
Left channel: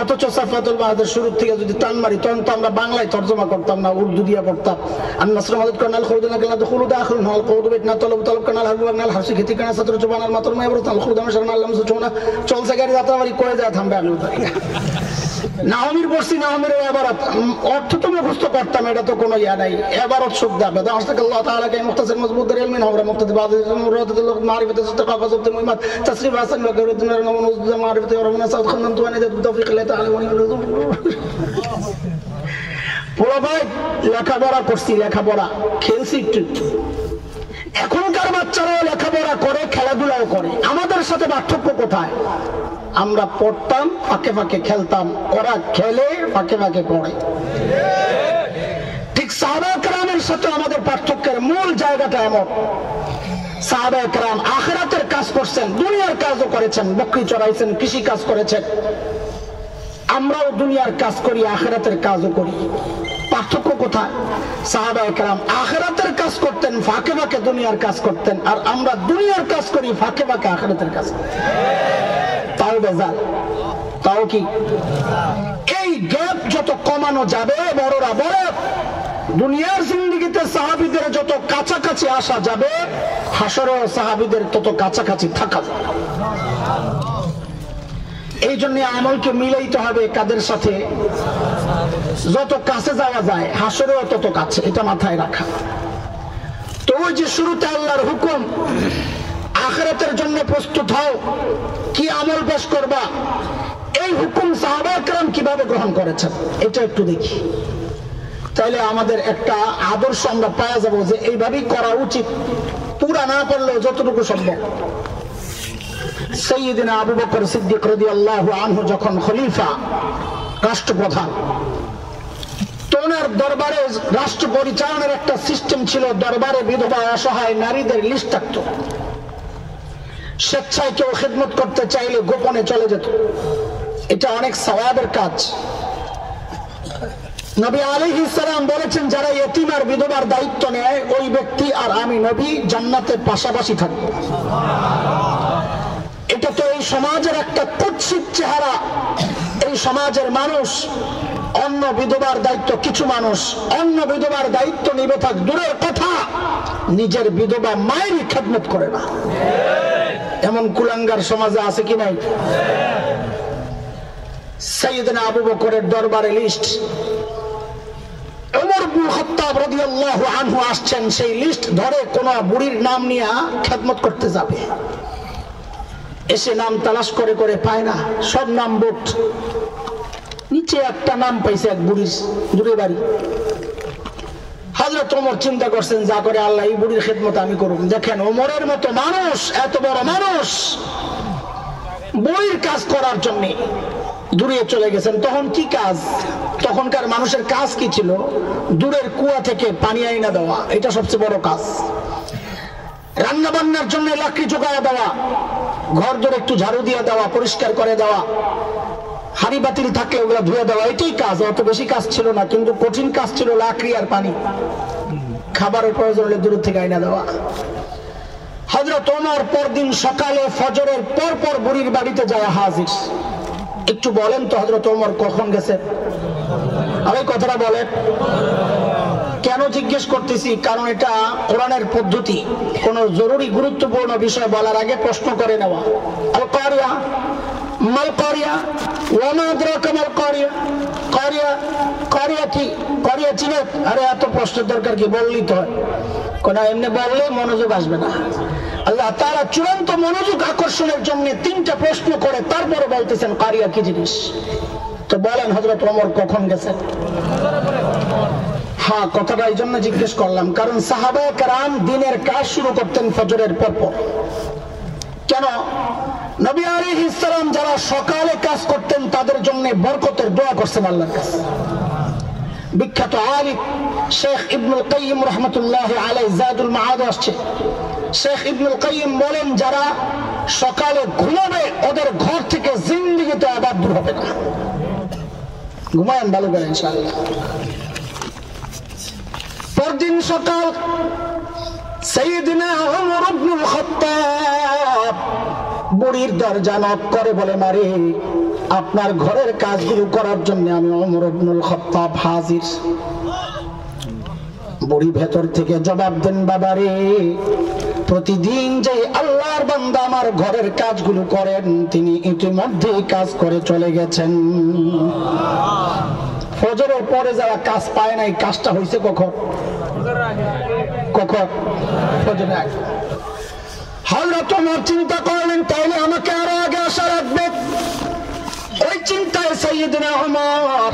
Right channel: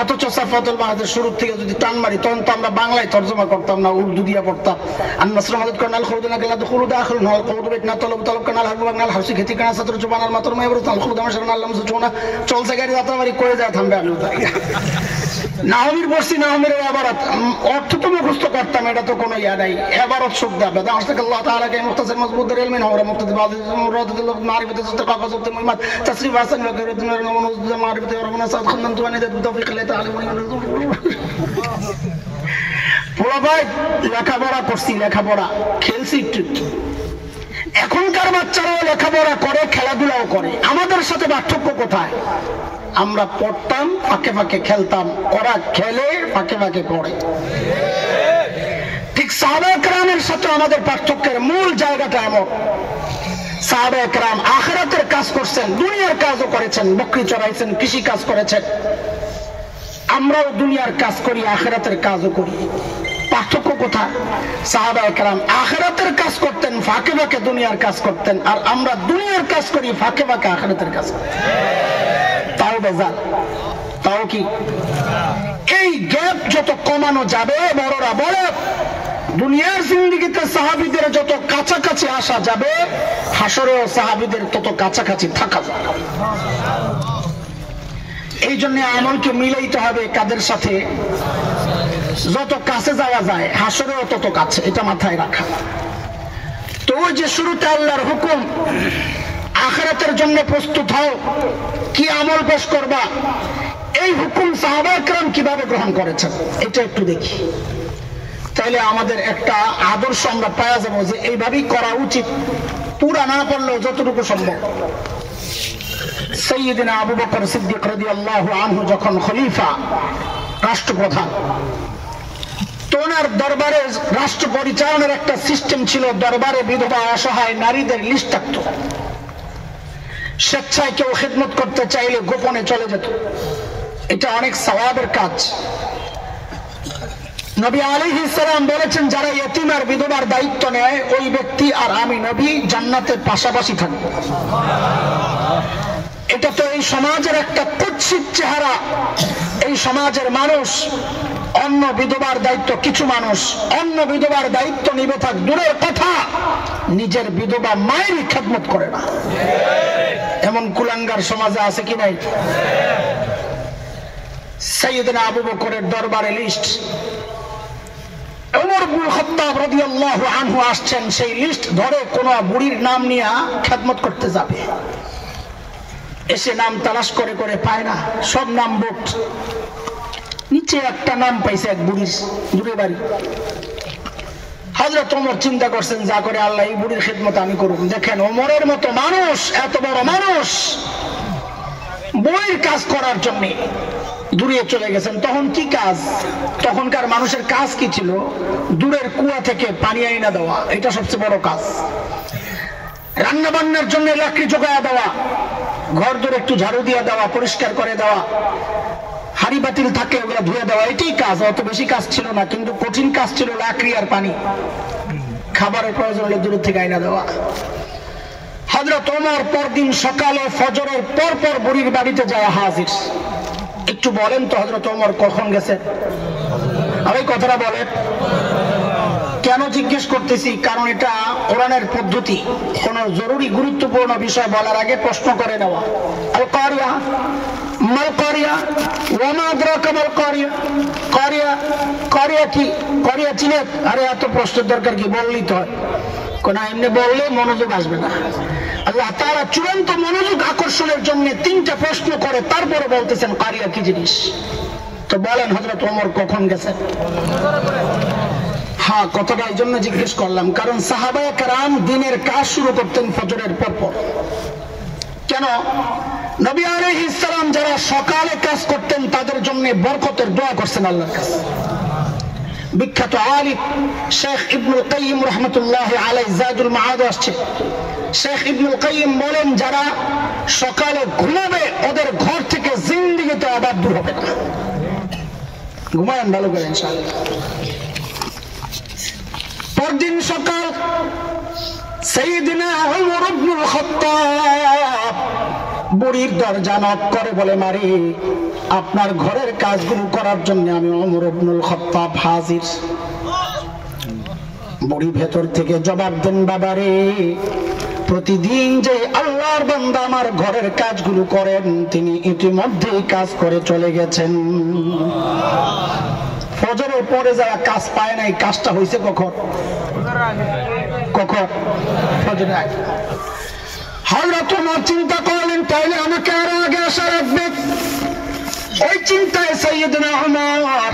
অথচ সাফাতুল মাহাদের শুরু থেকে যদি টান মারি তখন তো আমরা বাংলায় তর্জমা করতাম না, উর্দু দিয়ে পড়তাম। আর নাসরুল মাদুদ কানাল খুরুদনা কালা দুখুলু দাখিল নাল কুদু বিতনা তলব তলব কানাল হাবু কানাল হাসি খেতি কানা সাতর জবানাল মাতর মাইবরু তাল খুরুদাম শারনা আল্লাহ সুচনা চলছে গাড়ি যাত্রাবাড়ি করে যায় থামবে আমি নাহমির বসছি, নাহমির ইবারত অর্থ তো মুখস্থ করতাম, এটা তো কোনো ইয়া নাই। ইবারত শব্দ আবেদা আশতাক আল্লাহ তাআলা কে মুখতাসির মজবুত দলিল মিন হাওরা মুক্তাদি বাদ মুরাদাতুল মারিফাত ইস্তিকাফা যুক্ত মুহিমাত তাসরিফ হাসান ওয়া গায়রুদ্দিন নওয়াজ মারিফাত ওয়া রবনা সাদ খান্নান তুয়ানি দাত তৌফিক আল্লাহ তাআলা ওয়া বলা ভাই লেখাপড়া করছি, লেখাপড়া খেলছি একটু। এখনকার বাচ্চারাও লেখাপড়া করে, খেলাধুলাও করে। আমাদের সাথে পার্থক্য কোথায়? আমরা পড়তাম, ফাঁকে ফাঁকে খেলতাম, ওরা খেলে ফাঁকে ফাঁকে পড়ে। ঠিক ঠিক সাহাবায়ে কেরামের সাথে আমাদের পার্থক্যের মূল জায়গাটা এমন, সাহাবায়ে কেরাম আখিরাতের কাজ করছেন, দুনিয়ার কাজও করেছেন, বকরি চড়াইছেন, কৃষি কাজ করেছেন। আমরাও দুনিয়ার কাজ করি, আখিরাতের কাজও করি। পার্থক্য কোথায়? সাহাবায়ে কেরাম আখিরাতের কাজ করতেন, ফাঁকে ফাঁকে দুনিয়ার কাজ করতেন, আর আমরা দুনিয়ার কাজ করি, ফাঁকে ফাঁকে আখিরাতের কাজ করি। তাও বেজাল, তাও কি? এই গ্যাপ যত কমানো যাবে, বড়রা বড় দুনিয়ার জিন্দেগিতে সাহাবীদের যত কাছাকাছি আসা যাবে, হাসরেও সাহাবীদের তত কাছাকাছি থাকা যাবে। এই জন্য আমলকে মিলাইতে হবে কাদের সাথে? যত কাছে যাওয়া যায় হাসরেও তত কাছে, এটা মাথায় রাখা। তো ওই যে শুরুতে আল্লাহর হুকুম, আখিরাতের জন্য প্রস্তুত হও, কি আমল পেশ করবা, এই হুকুম সাহাবায়ে কেরাম কিভাবে গ্রহণ করেছেন এটা একটু দেখি। তাহলে আমাদের একটা আদর্শ আমরা পাওয়া যাবো যে এইভাবেই করা উচিত, পুরা না করলেও যতটুকু সম্ভব। সাইয়্যিদনা আবু বকর সিদ্দিক রাদিয়াল্লাহু আনহু যখন খলিফা, রাষ্ট্রপ্রধান, তো ওনার দরবারে রাষ্ট্র পরিচালনার একটা সিস্টেম ছিল। দরবারে বিধবা অসহায় নারীদের লিস্ট থাকতো। স্বেচ্ছায় কেউ খিদমত করতে চাইলে গোপনে চলে যেত। এটা অনেক সওয়াবের কাজ। নবী আলাইহিস সালাম বলেছেন, যারা ইতিম আর বিধবার দায়িত্ব নেয়, ওই ব্যক্তি আর আমি নবী জান্নাতে পাশাপাশি থাকব। এটা তো এই সমাজের একটা কুৎসিত চেহারা। এই সমাজের মানুষ অন্য বিধবার দায়িত্ব, কিছু মানুষ অন্য বিধবার দায়িত্ব নিবে থাক দূরের কথা, নিজের বিধবা মায়ের খেদমত করে না। এমন কুলাঙ্গার সমাজে আছে কি নাই? সাইয়্যিদনা আবু বকরের দরবারে লিস্ট, ওমর ইবনে খাত্তাব রাদিয়াল্লাহু আনহু আসছেন, সেই লিস্ট ধরে কোন বুড়ির নাম নিয়ে খেদমত করতে যাবে। এসে নাম তালাশ করে করে পায় না, সব নাম বুট। নিচে একটা নাম পাইছে, এক বুড়ি বাড়ি। হযরত ওমর চিন্তা করছেন, যা করে আল্লাহ এই বুড়ির খেদমত আমি করব। দেখেন ওমরের মতো মানুষ, এত বড় মানুষ, বুড়ির কাজ করার জন্য দূরে চলে গেছেন। তখন কি কাজ? তখনকার মানুষের কাজ কি ছিল? দূরের কুয়া থেকে পানি আইনা দেওয়া, এটা সবচেয়ে বড় কাজ। রান্না বান্নার জন্য লাকড়ি জোগাড় দেওয়া, ঘর দূরে একটু ঝাড়ু দিয়ে দেওয়া, পরিষ্কার করে দেওয়া, হাড়ি বাতিল থাকলে ওগুলো ধুয়ে দেওয়া, এটাই কাজ। অত বেশি কাজ ছিল না, কিন্তু কঠিন কাজ ছিল লাকড়ি আর পানি। খাবারের প্রয়োজন হলে দূর থেকে আইনা দেওয়া। হযরত ওমর পরদিন সকালে ফজরের পর পর বুড়ির বাড়িতে যাওয়া হাজির। একটু বলেন তো হযরত ওমর কখন গেছেন? আমি কথাটা বলেন। কেন জিজ্ঞেস করতেছি? কারণ এটা কোরআনের পদ্ধতি। কোন জরুরি গুরুত্বপূর্ণ বিষয় বলার আগে প্রশ্ন করে নেওয়া। আল কারিয়া মাল কারিয়া ওয়া মা আদরাকা মাল কারিয়া। কারিয়া কারিয়া কি? কারিয়া চিনে? আরে এত প্রশ্নের দরকার কি? বললেই তো হয়। কোন এমনি বললে মনোযোগ আসবে না। আল্লাহ তাআলা চূড়ান্ত মনোযোগ আকর্ষণের জন্য তিনটা প্রশ্ন করে তারপরে বলতেছেন কারিয়া কি জিনিস। তো বলেন হযরত ওমর কখন গেছেন? হ্যাঁ, কথাটা এই জন্য জিজ্ঞেস করলাম, কারণ সাহাবায়ে কেরাম দিনের কাজ শুরু করতেন ফজরের পর। কেন? নবী আলাইহিস সালাম যারা সকালে কাজ করতেন তাদের জন্য বরকতের দোয়া করছেন আল্লাহর কাছে। বিখ্যাত আলিম শেখ ইবনুল কাইয়িম রাহমাতুল্লাহি আলাইহি জাদুল মাআদ আসছে। শেখ ইবনুল কাইয়িম বলেন, যারা সকালে ঘুমাবে ওদের ঘর থেকে জিন্দেগিতে আবাদ দূর হবে না। ঘুমায়েন ভালো করে ইনশাআল্লাহ। পরদিন সকাল সাইয়্যিদনা ওমর ইবনুল খাত্তাব বুড়ির দরজা নক করে বলে, মারি আপনার ঘরের কাজগুলো করার জন্য আমি ওমর ইবনুল খাত্তাব হাজির। বুড়ি ভেতর থেকে জবাব দেন, বাবারে প্রতিদিন যে আল্লাহর বান্দা আমার ঘরের কাজগুলো করেন তিনি ইতিমধ্যেই কাজ করে চলে গেছেন। ফজরের পরে যারা কাজ পায় নাই, কাজটা হয়েছে কখন? কখন? ফজরের আগে। হযরত ওমর চিন্তা করলেন, তাইলে আমাকে আরো আগে আসা লাগবে। ওই চিন্তায় সাইয়্যিদনা ওমর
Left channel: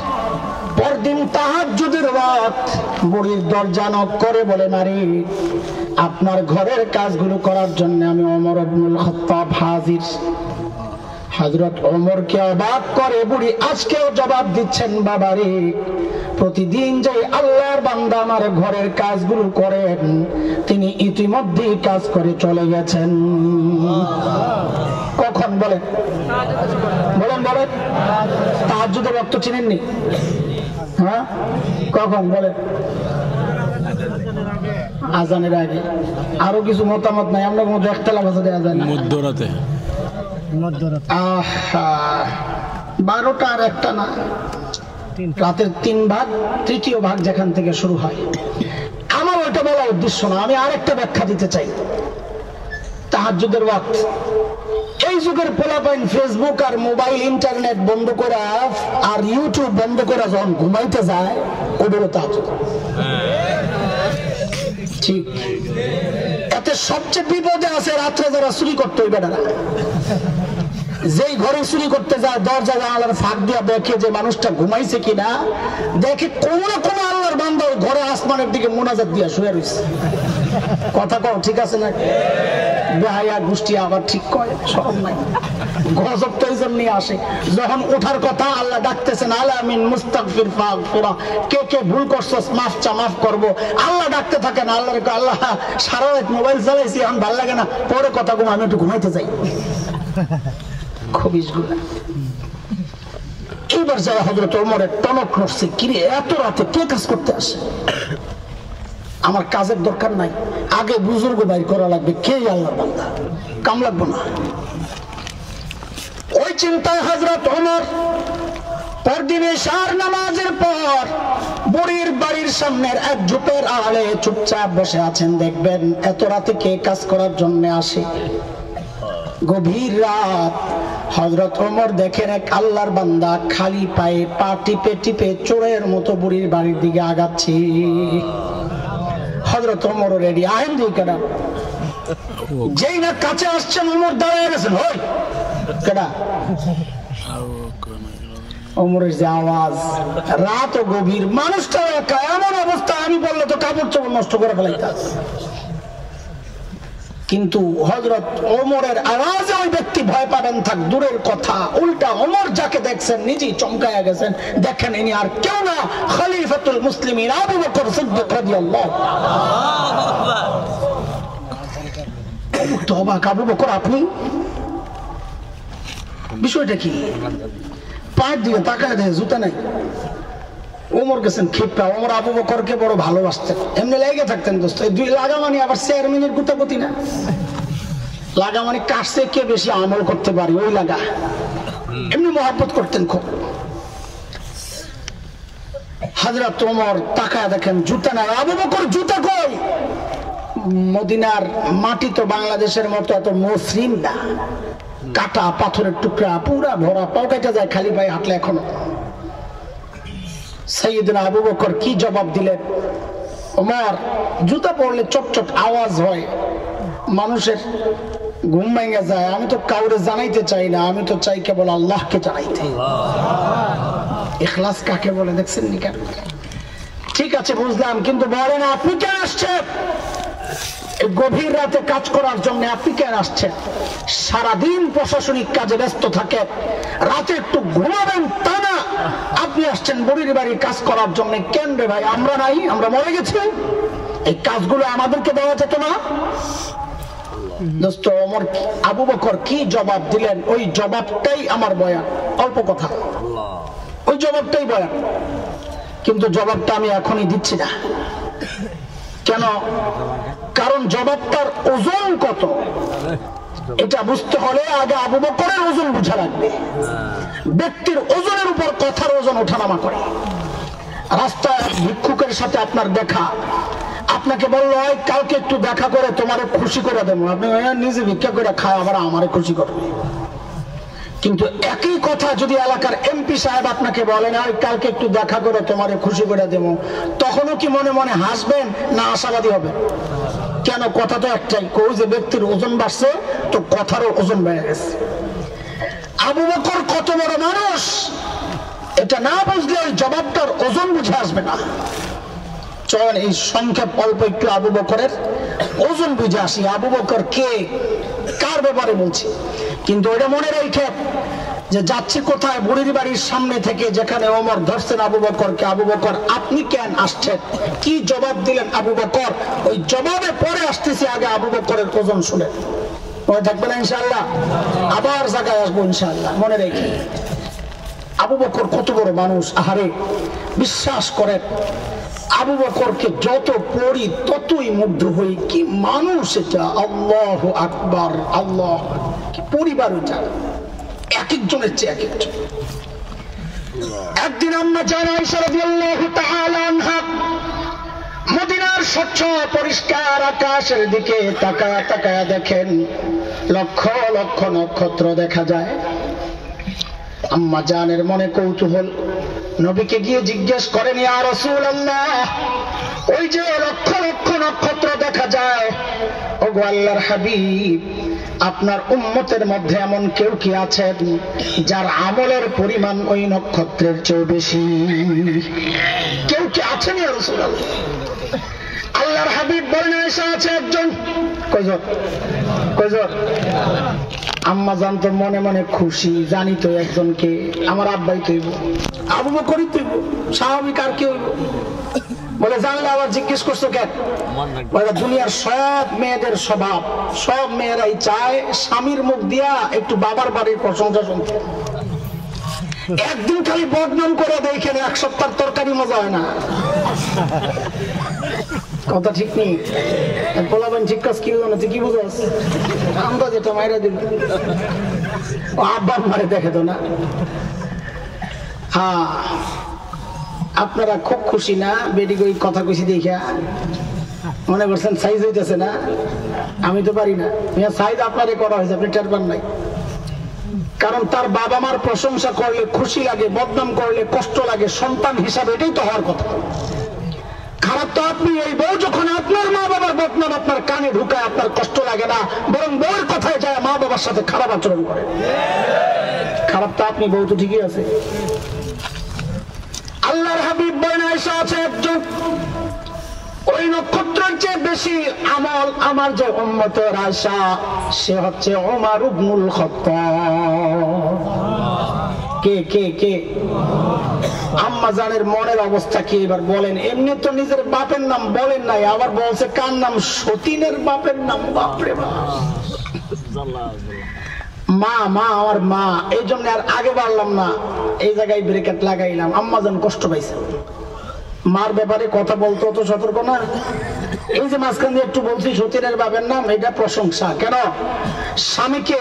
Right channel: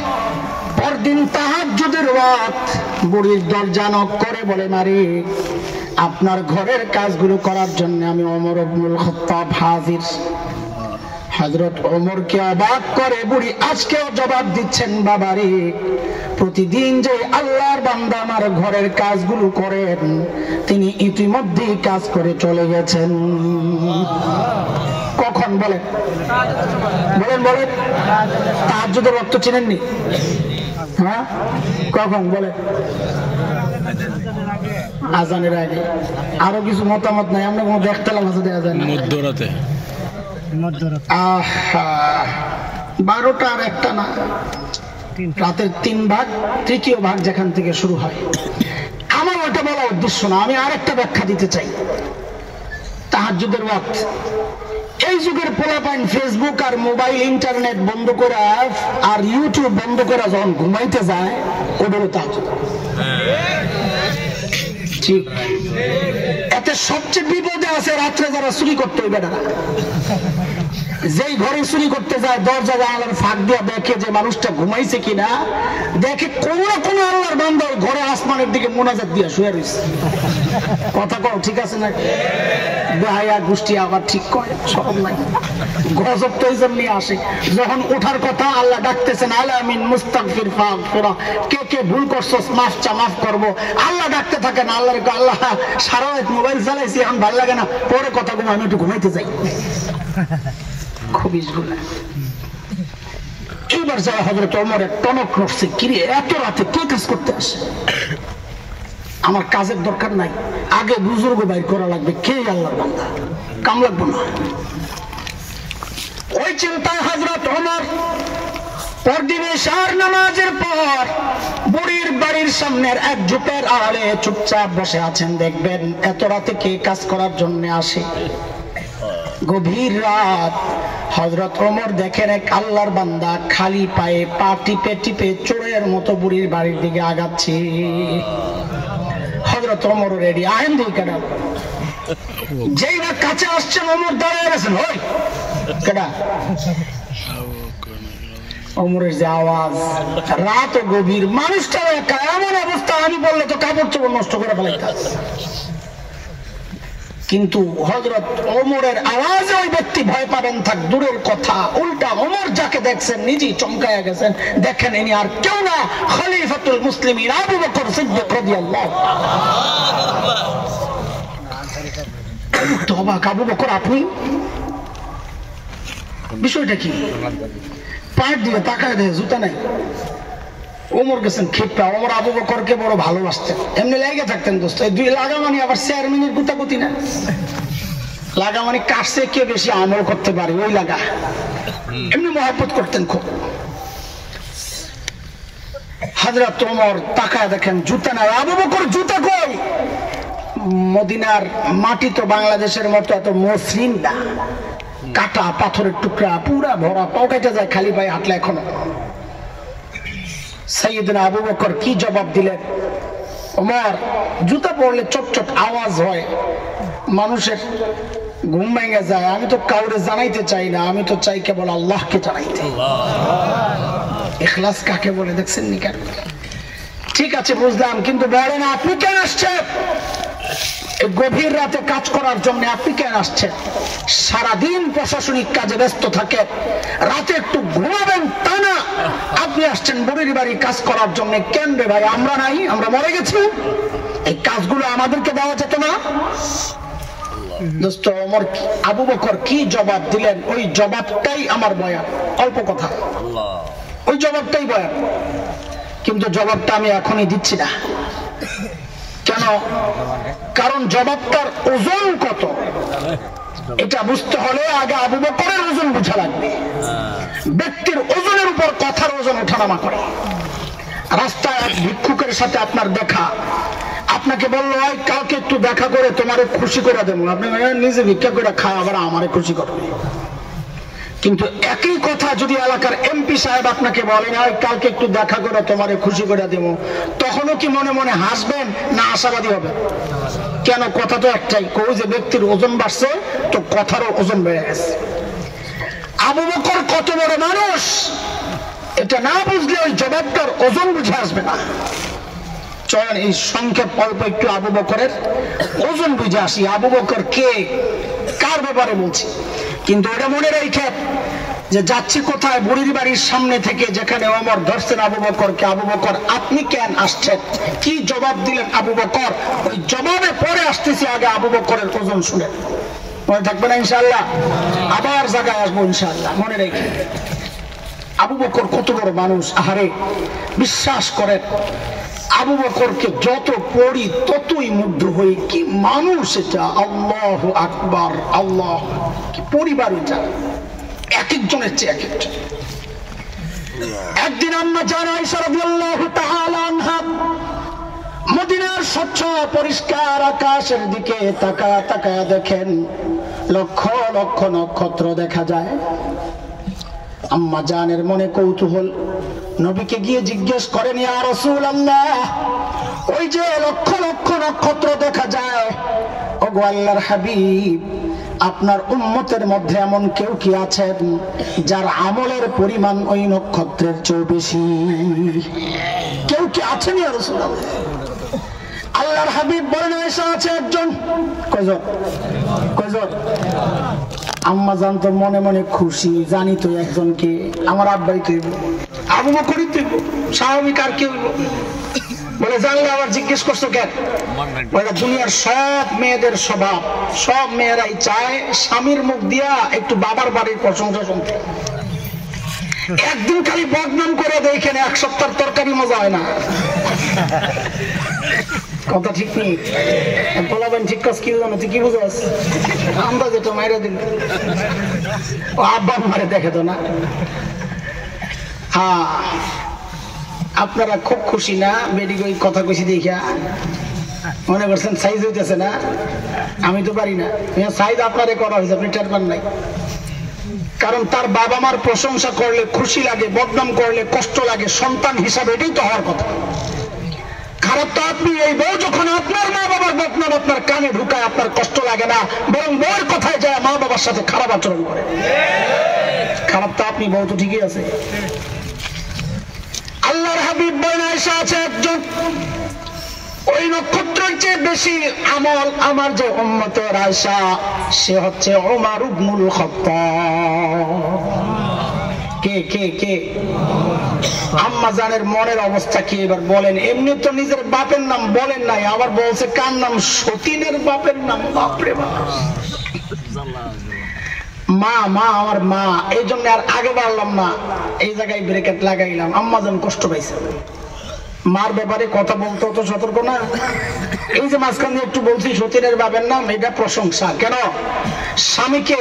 পরদিন তাহাজ্জুদের রাত বুড়ির দরজা নক করে বলে, মারি আপনার ঘরের কাজগুলো করার জন্য আমি ওমর ইবনুল খাত্তাব হাজির। হযরত ওমরকে অবাক করে বুড়ি আজকেও জবাব দিচ্ছেন, বাবারে প্রতিদিন যে আল্লাহর বান্দা আমার ঘরের কাজগুলো করেন তিনি ইতিমধ্যেই কাজ করে চলে গেছেন। কখন বলেন? বলেন বলেন। তাহাজ্জুদের ওয়াক্ত চিনেননি? হ্যাঁ, কখন বলেন? আজানের আগে। আরো কিছু মতামত নাই, আমরা কোনো দেখতালা ভাষা দেওয়া যায় না। মধ্যরাতে 12টা আর 1টা না, রাতের 3 ভাগ, তৃতীয় ভাগ যেখান থেকে শুরু হয়। আমার ওটা বলা উদ্দেশ্য না, আমি আরেকটা ব্যাখ্যা দিতে চাই। তাহাজ্জুদের ওয়াক্ত, এই যুগের পোলাপাইন ফেসবুক আর মোবাইল ইন্টারনেট বন্ধ করা আর ইউটিউব বন্ধ করা যখন ঘুমাইতে যায়, ওটা হলো তাহাজ্জুদ। ঠিক, এতে সবচেয়ে বিপদে আছে রাত্রে যারা চুরি করতে হইবে না। যেই ঘরে চুরি করতে যায় দরজা জানালার ফাঁক দিয়া দেখে যে মানুষটা ঘুমাইছে কিনা, দেখে কোন না কোন আল্লাহর বান্দা ওই ঘরে আসমানের দিকে মোনাজাত দিয়া শুয়ে রয়েছে। কথা কও ঠিক আছে না? বেহায়া গোষ্ঠী আবার ঠিক কয় সব নাই। গজব তো এই জন্যই আসে, যখন ওঠার কথা আল্লাহ ডাকতেছেন আলামিন মুস্তাগফির ফাগফিরা, কে কে ভুল করছস মাফ চা মাফ করবো, আল্লাহ ডাকতে থাকেন। আল্লাহর আল্লাহ সারা রাত মোবাইল চালাইছি এখন ভালো লাগে না, পরে কথা কম, আমি একটু ঘুমাইতে যাই। এইবার যারা হযরত ওমরের টনক নড়ছে, কিরে এত রাতে কে কাজ করতে আসে? আমার কাজের দরকার নাই, আগে বুজুর্গ বাইর করা লাগবে, কে আল্লাহর বান্দা, কাম লাগবে না। ওই চিন্তায় হযরত ওমর পরদিবেশার নামাজের পর বুড়ির বাড়ির সামনের এক ঝোপের আড়ালে চুপচাপ বসে আছেন। দেখবেন এত রাতে কে কাজ করার জন্য আসে। গভীর রাত, হযরত ওমর দেখেন এক আল্লাহর বান্দা খালি পায়ে পা টিপে টিপে চোরের মতো বুড়ির বাড়ির দিকে আগাচ্ছে। হযরত ওমর রেডি, আহেন দিই কেডা। যেই না কাছে আসছেন ওমর দাঁড়ায় গেছেন, হই কেডা। ওমরের যে আওয়াজ, রাত ও গভীর, মানুষটা একা, এমন অবস্থা আমি বললে তো কাপড় চোপড় নষ্ট করে ফেলাইতাম। কিন্তু হযরত ওমরের আওয়াজে ওই ব্যক্তি ভয় পাবেন থাক দূরের কথা, উল্টা ওমর যাকে দেখছেন নিজেই চমকায়া গেছেন। দেখেন ইনি আর কেউ না, খলিফাতুল মুসলিমিন আবু বকর সিদ্দিক রাদিয়াল্লাহু তাআলা। তওবা, আবু বকর আপনি, বিষয়টা কি? পায়ের দিকে তাকায় দেখে জুতা নাই। ওমর গেছেন ক্ষিপ্রা। ওমর আবু বকরকে বড় ভালোবাসতেন, এমনি লেগে থাকতেন দোস্ত। দুই লাগামানি আবার চেয়ারম্যানের গুতাগুতি না, লাগামানি কাটছে কে বেশি আমল করতে পারে ওই লাগা, এমনি মহব্বত করতেন খুব। হযরত ওমর তাকায় দেখেন জুতা না। আবু বকর জুতা কই? মদিনার মাটি তো বাংলাদেশের মতো এত মসৃণ না, কাটা পাথরের টুকরা পুরা ভরা, পাও কেটে যায় খালি পায়ে হাঁটলে এখনো। সাইয়েদনা আবু বকর কি জবাব দিলেন? ওমর, জুতা পরলে চটচট আওয়াজ হয়, মানুষের ঘুম ভেঙে যায়, আমি তো কাউরে জানাইতে চাই না, আমি তো চাই কেবল আল্লাহকে জানাইতে। ইখলাস কাকে বলে দেখছেন নি কেন? ঠিক আছে বুঝলাম, কিন্তু বলেন আপনি কেন আসছেন? গভীর রাতে কাজ করার জন্য আপনি কেন আসছেন? সারাদিন প্রশাসনিক কাজে ব্যস্ত থাকে, রাতে একটু ঘুমাবেন তা না, আপনি আসছেন বুড়ির বাড়ি কাজ করার জন্য। কেন রে ভাই, আমরা নাই? আমরা মরে গেছি? এই কাজগুলো আমাদেরকে দেওয়া যেত না? দোস্ত ওমর আবু বকর কি জবাব দিলেন, ওই জবাবটাই আমার বয়ান। অল্প কথা, ওই জবাবটাই বয়ান, কিন্তু জবাবটা আমি এখনই দিচ্ছি না। কেন? কারণ জবাবটার ওজন কত এটা বুঝতে হলে আগে আবু বকরের ওজন বুঝা লাগবে। ব্যক্তির ওজনের উপর কথার ওজন ওঠানামা করে। রাস্তায় ভিক্ষুকের সাথে আপনার দেখা, আপনাকে বললো কালকে একটু দেখা করে তোমারে খুশি করে দেবো, আপনি নিজে ভিক্ষা করে খায় আবার আমারে খুশি করবে। কিন্তু একই কথা যদি এলাকার এমপি সাহেব আপনাকে বলেন কালকে একটু দেখা করে তোমারে খুশি করে দেবো, তখনও কি মনে মনে হাসবেন না আশাবাদী হবে? কেন? কথা তো একটাই, কই যে ব্যক্তির ওজন বাড়ছে তো কথারও ওজন বেড়ে গেছে। আবু বকর কত বড় মানুষ এটা না বুঝলে ওই জবাবটার ওজন বুঝে আসবে না। চলেন এই সংক্ষেপ অল্প একটু আবু বকরের ওজন বুঝে আসি। আবু বকর কে, কার ব্যাপারে বলছি? কিন্তু এটা মনে রেখে যে যাচ্ছি কোথায়, বুড়ির বাড়ির সামনে থেকে যেখানে ওমর ধরছেন আবু বকরকে, আবু বকর আপনি কেন আসছেন, কি জবাব দিলেন আবু বকর, ওই জবাবে পরে আসতেছি, আগে আবু বকরের ওজন শুনে। মনে থাকবে না ইনশাআল্লাহ? আবার জায়গায় আসবো ইনশাআল্লাহ, মনে রেখে। আবু বকর কত বড় মানুষ, আহারে বিশ্বাস করেন আবু বকরকে যত পড়ি ততই মুগ্ধ হই, কি মানুষ এটা, আল্লাহু আকবার, আল্লাহ কি পরিবার এটা, এক একজনের চেয়ে এক একজন। একদিন আম্মা জান আয়েশা রাদিয়াল্লাহু তাআলা আনহা মদিনার স্বচ্ছ পরিষ্কার আকাশের দিকে তাকায় তাকায় দেখেন লক্ষ লক্ষ নক্ষত্র দেখা যায়। আম্মা জানের মনে কৌতূহল, নবীকে গিয়ে জিজ্ঞেস করেন, ইয়া রাসূলুল্লাহ, ওই যে লক্ষ লক্ষ নক্ষত্র দেখা যায়, ওগো আল্লাহর হাবিব, আপনার উম্মতের মধ্যে এমন কেউ কি আছেন যার আমলের পরিমাণ ওই নক্ষত্রের চেয়ে বেশি? কেউ কি আছেন ইয়া রাসূলুল্লাহ? আল্লাহর হাবিব বলেন, এসে আছে একজন। কয়জন? কয়জন? আম্মা জানতো মনে মনে খুশি, জানি তো একজনকে, আমার আব্বাই তৈব, আবু বকরই তৈব, স্বাভাবিক আর কেউ। বলে জানলে আবার জিজ্ঞেস করছো কেন? বলে দুনিয়ার সব মেয়েদের স্বভাব, সব মেয়েরাই চায় স্বামীর মুখ দিয়া একটু বাবার বাড়ির প্রশংসা শুনতে। একদিন খালি বদনাম করে দেখেন, এক সপ্তাহ তরকারি মজা হয় না। কথা ঠিক নেই, বলাবেন ঠিক কাজ কি জানো, তুই কি বুঝাস? আমরা যেটা মায়েরা দিন আব্বা মারে দেখে তো না। হ্যাঁ, আপনারা খুব খুশি না বেডি কই কথা কইছি দেখা? মনে করছেন সাইজ হইতেছে না? আমি তো পারি না, সাইজ আপনারে করা হয়েছে, আপনি টের পান নাই। কারণ তার বাবা মার প্রশংসা করলে খুশি লাগে, বদনাম করলে কষ্ট লাগে, সন্তান হিসাবে এটাই তো হওয়ার কথা। খারাপ তো আপনি, এই বউ যখন আপনার মা বাবার বদনাম আপনার কানে ঢুকায় আপনার কষ্ট লাগে না, বরং বউয়ের কথায় যায় মা বাবার সাথে খারাপ আচরণ করে। খারাপ তো আপনি, বউ তো ঠিকই আছে। আল্লাহর হাবিব বলেন, এসে আছে একজন, ওই নক্ষত্রের চেয়ে বেশি আমল আমার যে উম্মতের আয়েশা, সে হচ্ছে ওমর ইবনুল খাত্তাব। কে কে কে? আম্মা জানের মনের অবস্থা কি এবার বলেন। এমনি তো নিজের বাপের নাম বলেন নাই, আবার বলছে কার নাম? সতীনের বাপের নাম। বাপরে বাপ, মা মা আমার মা, এই জন্য আর আগে বাড়লাম না, এই জায়গায় ব্রেকেট লাগাইলাম। আম্মা জান কষ্ট পাইছে, মার ব্যাপারে কথা বলতে অত সতর্ক না। এই যে মাঝখান দিয়ে একটু বলছি সতীনের বাপের নাম, এটা প্রশংসা। কেন? স্বামীকে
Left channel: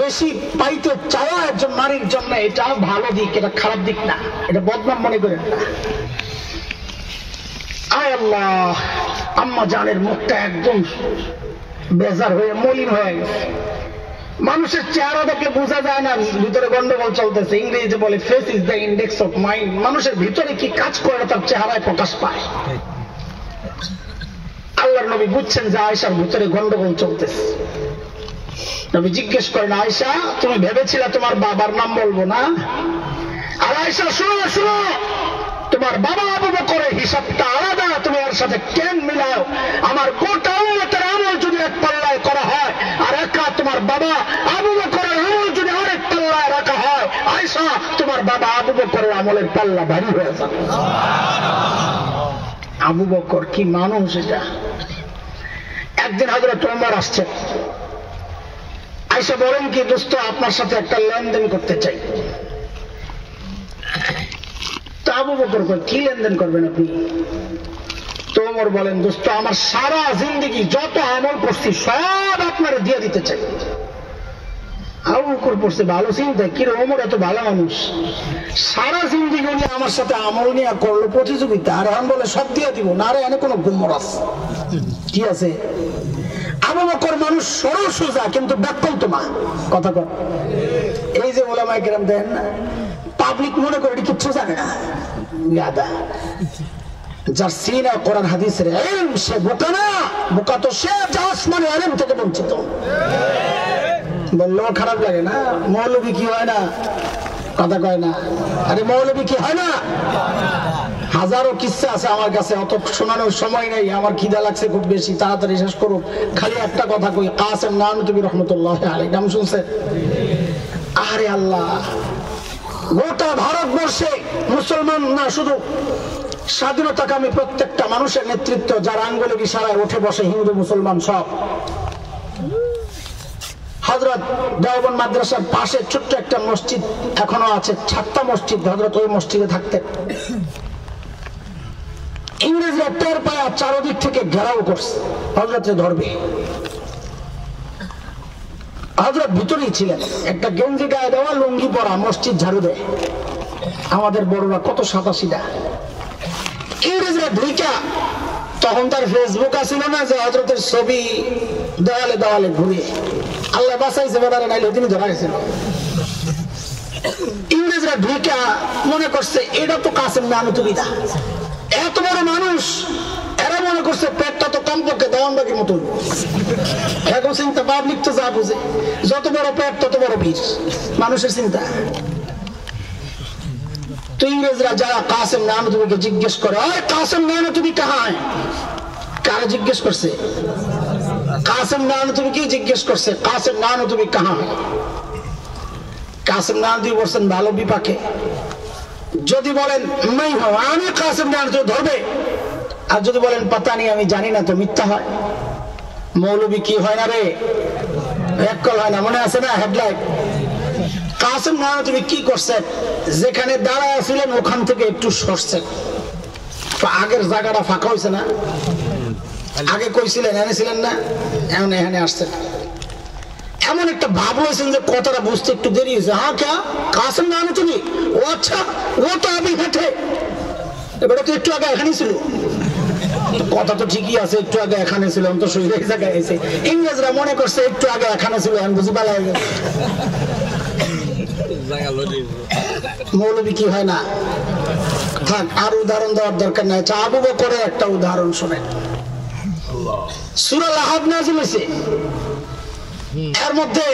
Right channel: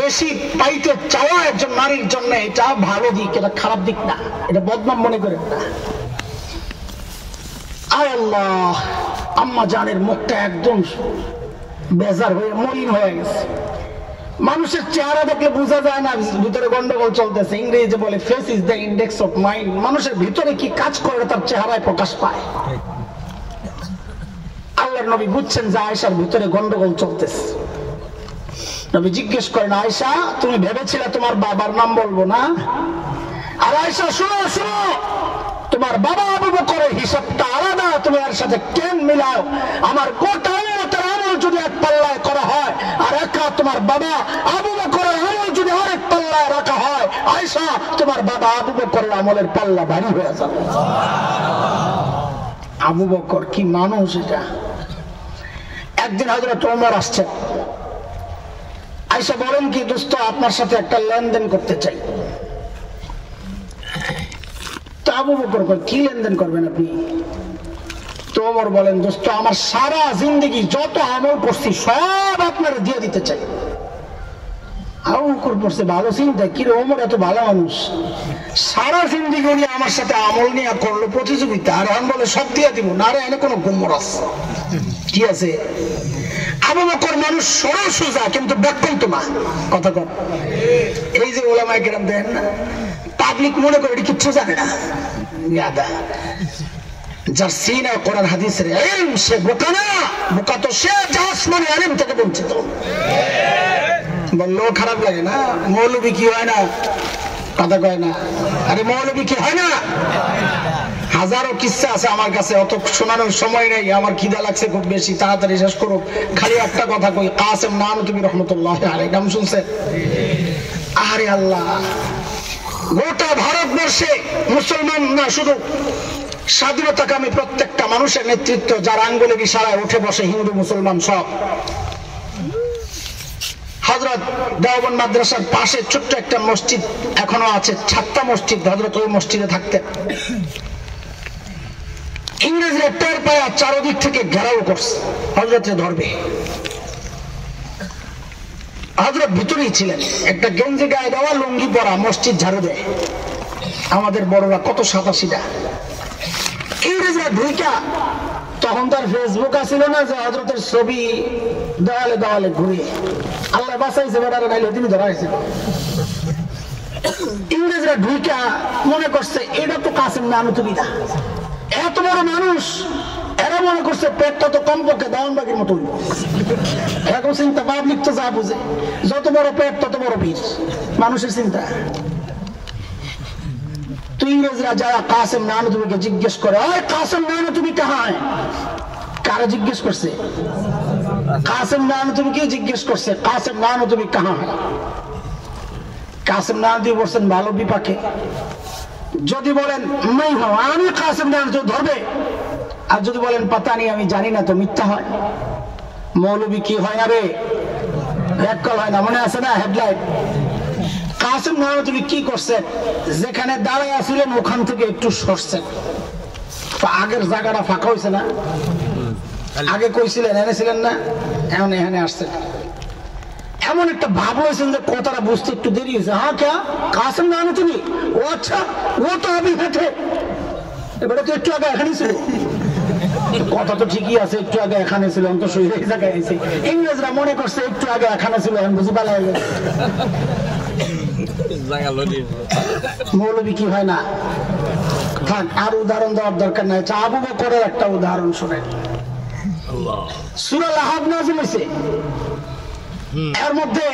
বেশি পাইতে চাওয়া একজন নারীর জন্য এটা ভালো দিক, এটা খারাপ দিক না, এটা বদনাম মনে করেন না। আয় আল্লাহ, আম্মা জানের মুখটা একদম বেজার হয়ে মলিন হয়ে গেছে। মানুষের চেহারা দেখলে বোঝা যায় না ভিতরে গন্ডগোল চলতেছে। ইংরেজিতে বলে face is the index of mind. মানুষের ভিতরে কি কাজ করে তার চেহারায় প্রকাশ পায়। আল্লাহর নবী বুঝছেন যে আয়েশার ভিতরে গন্ডগোল চলতেছে। নবী জিজ্ঞেস করেন, আয়েশা, তুমি ভেবেছিলে তোমার বাবার নাম বলবো না? আর আয়েশা, শুনো শুনো, তোমার বাবা আবু বকরের হিসাবটা আলাদা, তুমি এর সাথে কেন মিলাও? আমার গোটা উম্মতের আমল যদি এক পাল্লায় করা হয়, আর একা তোমার বাবা আবু বকরের আমল যদি আরেক পাল্লায় রাখা হয়, আয়েশা, তোমার বাবা আবু বকরের আমলের পাল্লা ভারী হয়ে যাবে। আবু বকর কি মানুষ এটা! একদিন হযরত ওমর আসছে, আয়েশা বলেন, কি দোস্ত, আপনার সাথে একটা লেনদেন করতে চাই। তো আবু বকর কি লেনদেন করবেন আপনি? তো ওমর বলেন, দোস্ত, আমার সারা জিন্দগি যত আমল করছি সব আপনারা দিয়ে দিতে চাই। আবু বকর পড়ছে ভালো চিন্তা, কি রে ওমর এত ভালো মানুষ, সারা জিন্দগি উনি আমার সাথে আমল নিয়ে করলো প্রতিযোগিতা, আর আমি বলে সব দিয়ে দিব না? আরে এনে কোনো গুমর আছে কি আছে? আবু বকর মানুষ সরল সোজা, কিন্তু ব্যাকল্প না, কথা কর। এই যে উলামায়ে কেরাম দেন না, পাবলিক মনে করে এটি কিচ্ছু জানে না। ইয়াদা যার সিনায় কোরআন হাদিসের ইলম, সে বোকা না। বোকা তো সে যা আসমানে ইলম থেকে বঞ্চিত। বললেও খারাপ লাগে না, মৌলবি কি হয় না, কথা কয় না। আরে মৌলবী কি হয় না? হাজারো কিস্সা আছে আমার কাছে, অত শোনানোর সময় নেই। আমার খিদা লাগছে খুব বেশি, তাড়াতাড়ি শেষ করো। খালি একটা কথা কই, কাসেম নানুতুবি রহমতুল্লাহ আলাইহি নাম শুনছেন? আরে আল্লাহ, গোটা ভারতবর্ষে মুসলমান না শুধু স্বাধীনতাকামী প্রত্যেকটা মানুষের নেতৃত্ব, যার আঙ্গুলের ইশারায় উঠে বসে হিন্দু মুসলমান সব। হযরত দেওবন্দ মাদ্রাসার পাশে ছোট্ট একটা মসজিদ এখনো আছে, ছাত্তা মসজিদ। হযরত ওই মসজিদে থাকতেন। ইংরেজরা টের পাওয়া চারদিক থেকে ঘেরাও করছে, হযরতে ধরবে। হযরত ভিতরেই ছিলেন, একটা গেঞ্জি গায়ে দেওয়া, লুঙ্গি পরা, মসজিদ ঝাড়ু দেয়। আমাদের বড়রা কত সাদাসিধা। ইংরেজরা ঢুইকা, তখন তার ফেসবুক ছিল না যে হযরতের ছবি দেওয়ালে দেওয়ালে ঘুরে। আল্লাহ বাঁচাইছে, বেড়ালে নাইলে তিনি ধরা গেছিল। ইংরেজরা ঢুইকা মনে করছে এটা তো কাসেম নানুতুবি দা, এত বড় মানুষ। এরা মনে করছে পেটটা তো কমপক্ষে দেওয়ানবাগির মতো। এখন চিন্তা পাবলিক তো যা বুঝে, যত বড় পেট তত বড় ভিড়, মানুষের চিন্তা। তো ইংরেজরা যারা কাসেম নানুতুবিকে জিজ্ঞেস করে, কাসেম নানুতুবি কাহায়? কারা জিজ্ঞেস করছে? কাসেম নানুতুবিকে জিজ্ঞেস করছে, কাসেম নানুতুবি কাহায়? কাসেম নানুতুবি বলছেন ভালো বিপাকে। যদি বলেন আমি কাসেম নানুতুবি ধরবে, আর যদি বলেন পাতা নেই আমি জানি না, তো মিথ্যা হয়। মৌলবী কি হয় না রে, এক কল হয় না, মনে আছে না হেডলাইট? কাসেম নানুতুবি কি করছে? যেখানে দাঁড়ায় ছিলেন ওখান থেকে একটু সরছেন, আগের জায়গাটা ফাঁকা হয়েছে না। আগে কইছিলেন এনেছিলেন না, এখন এখানে আসছেন। এমন একটা ভাব হয়েছেন যে কথাটা বুঝতে একটু দেরি হয়েছে। হ্যাঁ কে কাসেম নানুতুবি? ও আচ্ছা, ও তো আমি হেঁটে, এবারে তো একটু আগে এখানেই ছিল। কথা তো ঠিকই আছে, একটু আগে এখানে ছিল, তো সেই জায়গায় আছে। ইংরেজরা মনে করছে একটু আগে এখানে ছিল, এখন বুঝি পালা হয়ে গেছে। মৌলবী কি হয় না? আর উদাহরণ দেওয়ার দরকার নাই। আবু বকরের একটা উদাহরণ শুনেন। সূরা লাহাব নাযিল হয়েছে, এর মধ্যে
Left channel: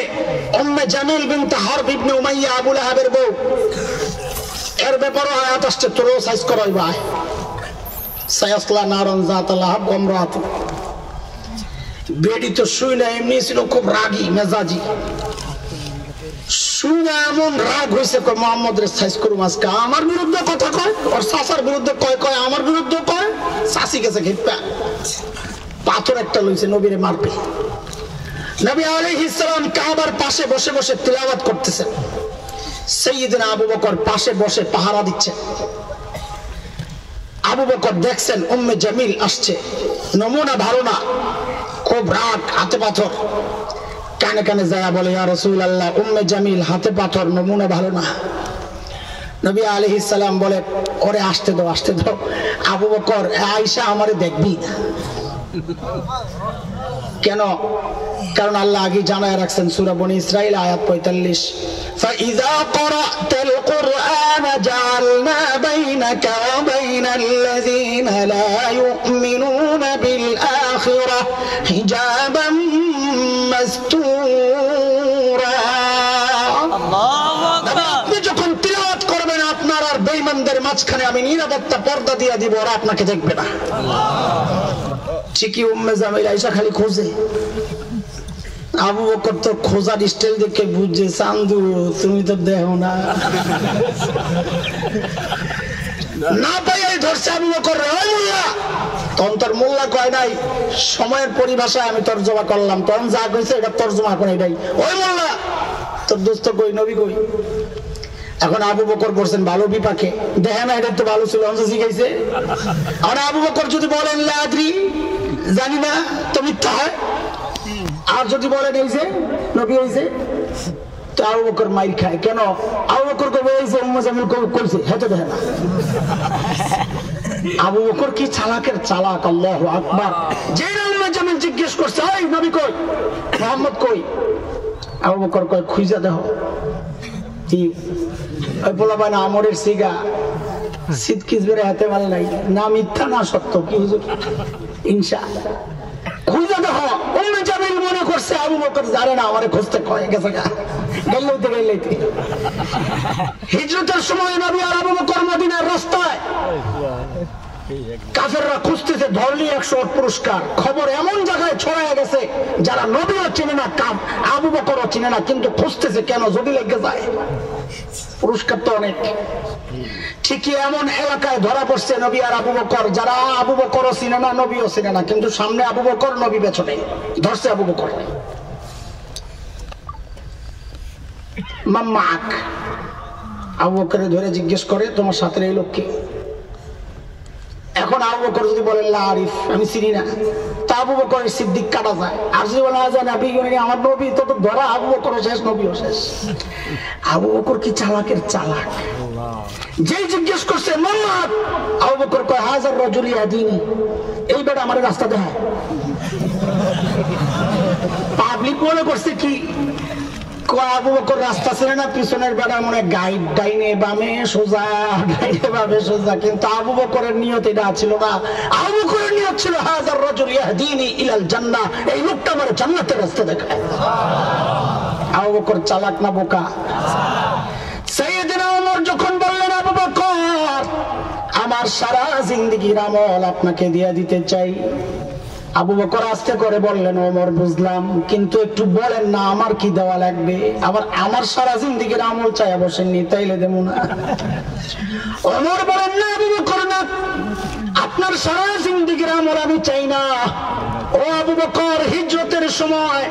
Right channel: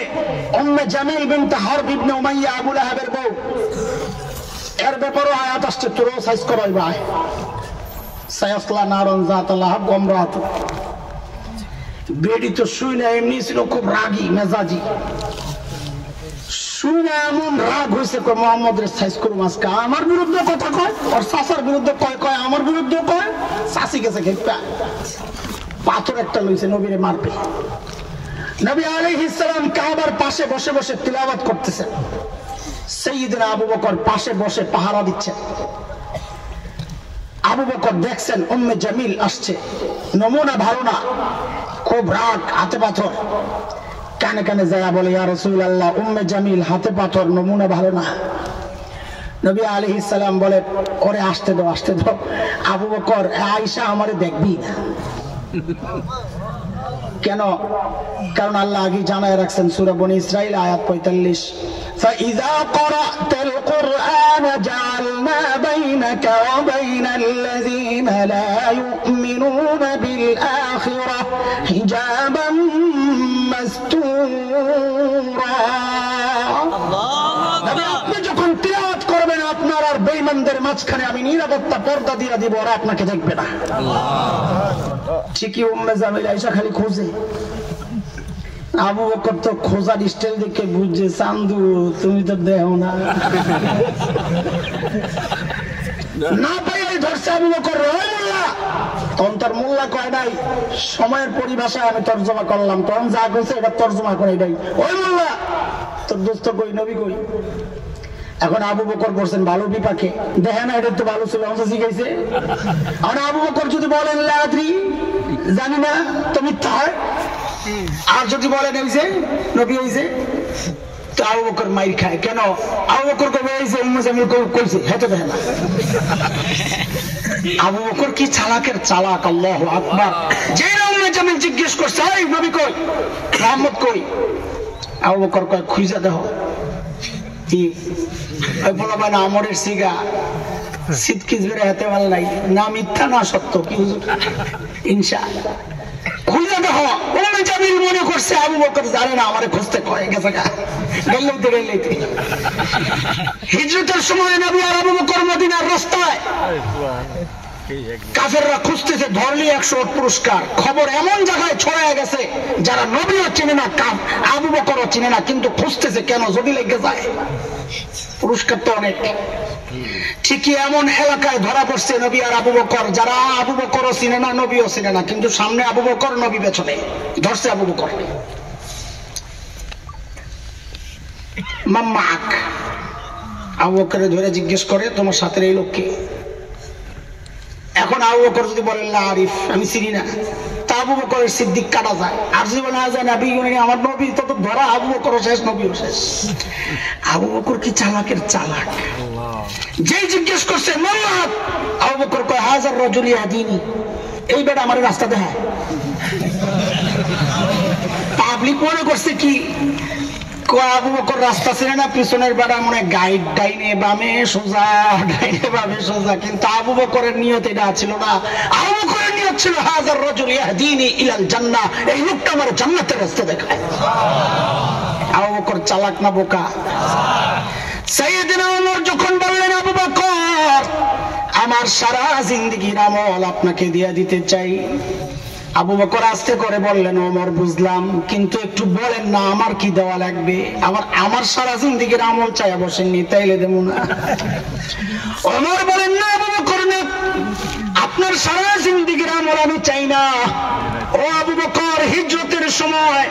উম্মে জামিল বিনত হারব ইবনে উমাইয়া আবু লাহাবের বউ, এর ব্যাপারে আয়াত আসছে, তোর সাইজ করাই ভাই। সায়াসলা নারন যাত লাহাব ওয়া ইমরাতু। বেডি তো শুই না, এমনি ছিল খুব রাগী মেজাজি। শুনে এমন রাগ হয়েছে, মোহাম্মদ রে সাইজ করুম আজকে। আমার বিরুদ্ধে কথা কয়, ওর চাচার বিরুদ্ধে কয়, আমার বিরুদ্ধে কয়। চাচি গেছে খেপা, পাথর একটা লইছে নবীরে মারবে। নবী আলাইহিস সালাম কাবার পাশে বসে বসে তিলাওয়াত করতেছেন। সাইয়্যিদনা আবু বকর পাশে বসে পাহারা দিচ্ছেন। আবু বকর দেখছেন উম্মে জামিল আসছে, নমুনা ভালো না, খুব রাগ, হাতে পাথর। কানে কানে যায় বলে, ইয়া রাসূলুল্লাহ, উম্মে জামিল হাতে পাথর, নমুনা ভালো না। নবী আলাইহিস সালাম বলে, ওরে আসতে দাও, আসতে দাও। আবু বকর, আয়েশা আমারে দেখবি না। কেন? কারণ আল্লাহ আগে জানায় রাখছেন সূরা বনী ইসরাঈল আয়াত 45, ফাইযা ক্বরাতাল কুরআন জাআলনা বাইনাকা ওয়া বাইনাল্লাযীনা লা ইউমিনুনা বিল আখিরাহ হিজাবাম মাসতুরা। আপনি যখন তিলাওয়াত করবেন, আপনার আর বেঈমানদের মাঝখানে আমি নিরাপত্তা পর্দা দিয়ে দিব, আর আপনাকে দেখবে না। ঠিকই উম্মে জামিল আয়েশা খালি খোঁজে। আবু বকর তো খোঁজার স্টাইল দেখে বুঝছে, চান্দু তুমি তো দেখো না। না পাইয়াই ধরছে আবু বকর, ও মোল্লা। তখন তোর মোল্লা কয় নাই, সময়ের পরিভাষায় আমি তর্জমা করলাম, তখন যা কইছে এটা তর্জমা করে নাই। ওই মোল্লা, তোর দোস্ত কই, নবী কই? এখন আবু বকর বলছেন ভালো বিপাকে, দেখে না এটা তো ভালো ছিল, শিখাইছে। এখন আবু বকর যদি বলেন লা আদরি, জানি না, তো মিথ্যা হয়। আর যদি বলেন এই যে নবী হইছে, তো আবু বকর মাইর খায়। কেন? আবু বকর কবে এই যে উম্মে জামিল কইছে, হেতে দেখে না। আবু বকর কি চালাকের চালাক, আল্লাহু আকবার। যে উম্মে জামিল জিজ্ঞেস করছে, এই নবী কই, মুহাম্মদ কই? আবু বকর কয়, খুঁজে দেখো। কি বলা মানে আমরের সিগা শীত কিসবের হাতে ভালো নাই, না মিথ্যা না সত্য। কি ইনশা খুঁজে দেখো, উম্মে জামিল মনে করছে আবু বকর জানে না আমারে খুঁজতে কয় গেছে গেলেইতে হিজরতের সময় নবী আর আবু বকর মদিনার রাস্তায় কাফেররা খুঁজতেছে, ধরলি 100 পুরস্কার। খবর এমন জায়গায় ছড়ায় গেছে যারা নবীও চিনে না, আবু বকরও চিনে না, কিন্তু খুঁজতেছে কেন, যদি লেগে যায় পুরস্কার তো অনেক। ঠিকই এমন এলাকায় ধরা পড়ছে নবী আর আবু বকর, যারা আবু বকরও চিনে না, নবীও চিনে না, কিন্তু সামনে আবু বকর, নবী পেছনে। ধরছে আবু বকর, মাম্মাক। আবু বকর ধরে জিজ্ঞেস করে, তোমার সাথে এই লোক কে? এখন আবু বকর যদি বলেন লা আরিফ, আমি চিনি না, তা আবু বকরের সিদ্দিক কাটা যায়। আর যদি বলা যায় নবী, আমার নবী, তো ধরা আবু বকরও শেষ, নবীও শেষ। আবু বকর কি চালাকের চালাক, যেই জিজ্ঞেস করছে মোহাম্মদ, আবু বকর কয় হাজার রাজুল ইয়াদিনি, এই বেটা আমার রাস্তা দেখায়। পাবলিক মনে করছে কি আবু বকর রাস্তা ছিল না, পিছনের বেড়া মনে গাইড, ডাইনে বামে সোজা, ডাইনে বামে সোজা, কিন্তু আবু বকরের নিয়ত এটা ছিল না। আবু বকরের নিয়ত ছিল হাজার রাজুল ইয়াহদিনি ইলাল জান্নাহ, এই লোকটা আমার জান্নাতের রাস্তা দেখায়। আবু বকর চালাক না বোকা? সাইয়েদনা ওমর যখন বললেন আবু বকর, আমার সারা জিন্দেগির আমল আপনাকে দিয়ে দিতে চাই, আবু বকর আস্তে করে বললেন, ওমর বুঝলাম, কিন্তু একটু বলেন না আমার কি দেওয়া লাগবে? আবার আমার সারা জিন্দেগির আমল চাই বসেননি, তাইলে দেব না। ওমর বলেন, না আবু বকর না, আপনার সারা জিন্দেগির আমল আমি চাই না। ও আবু বকর, হিজরতের সময়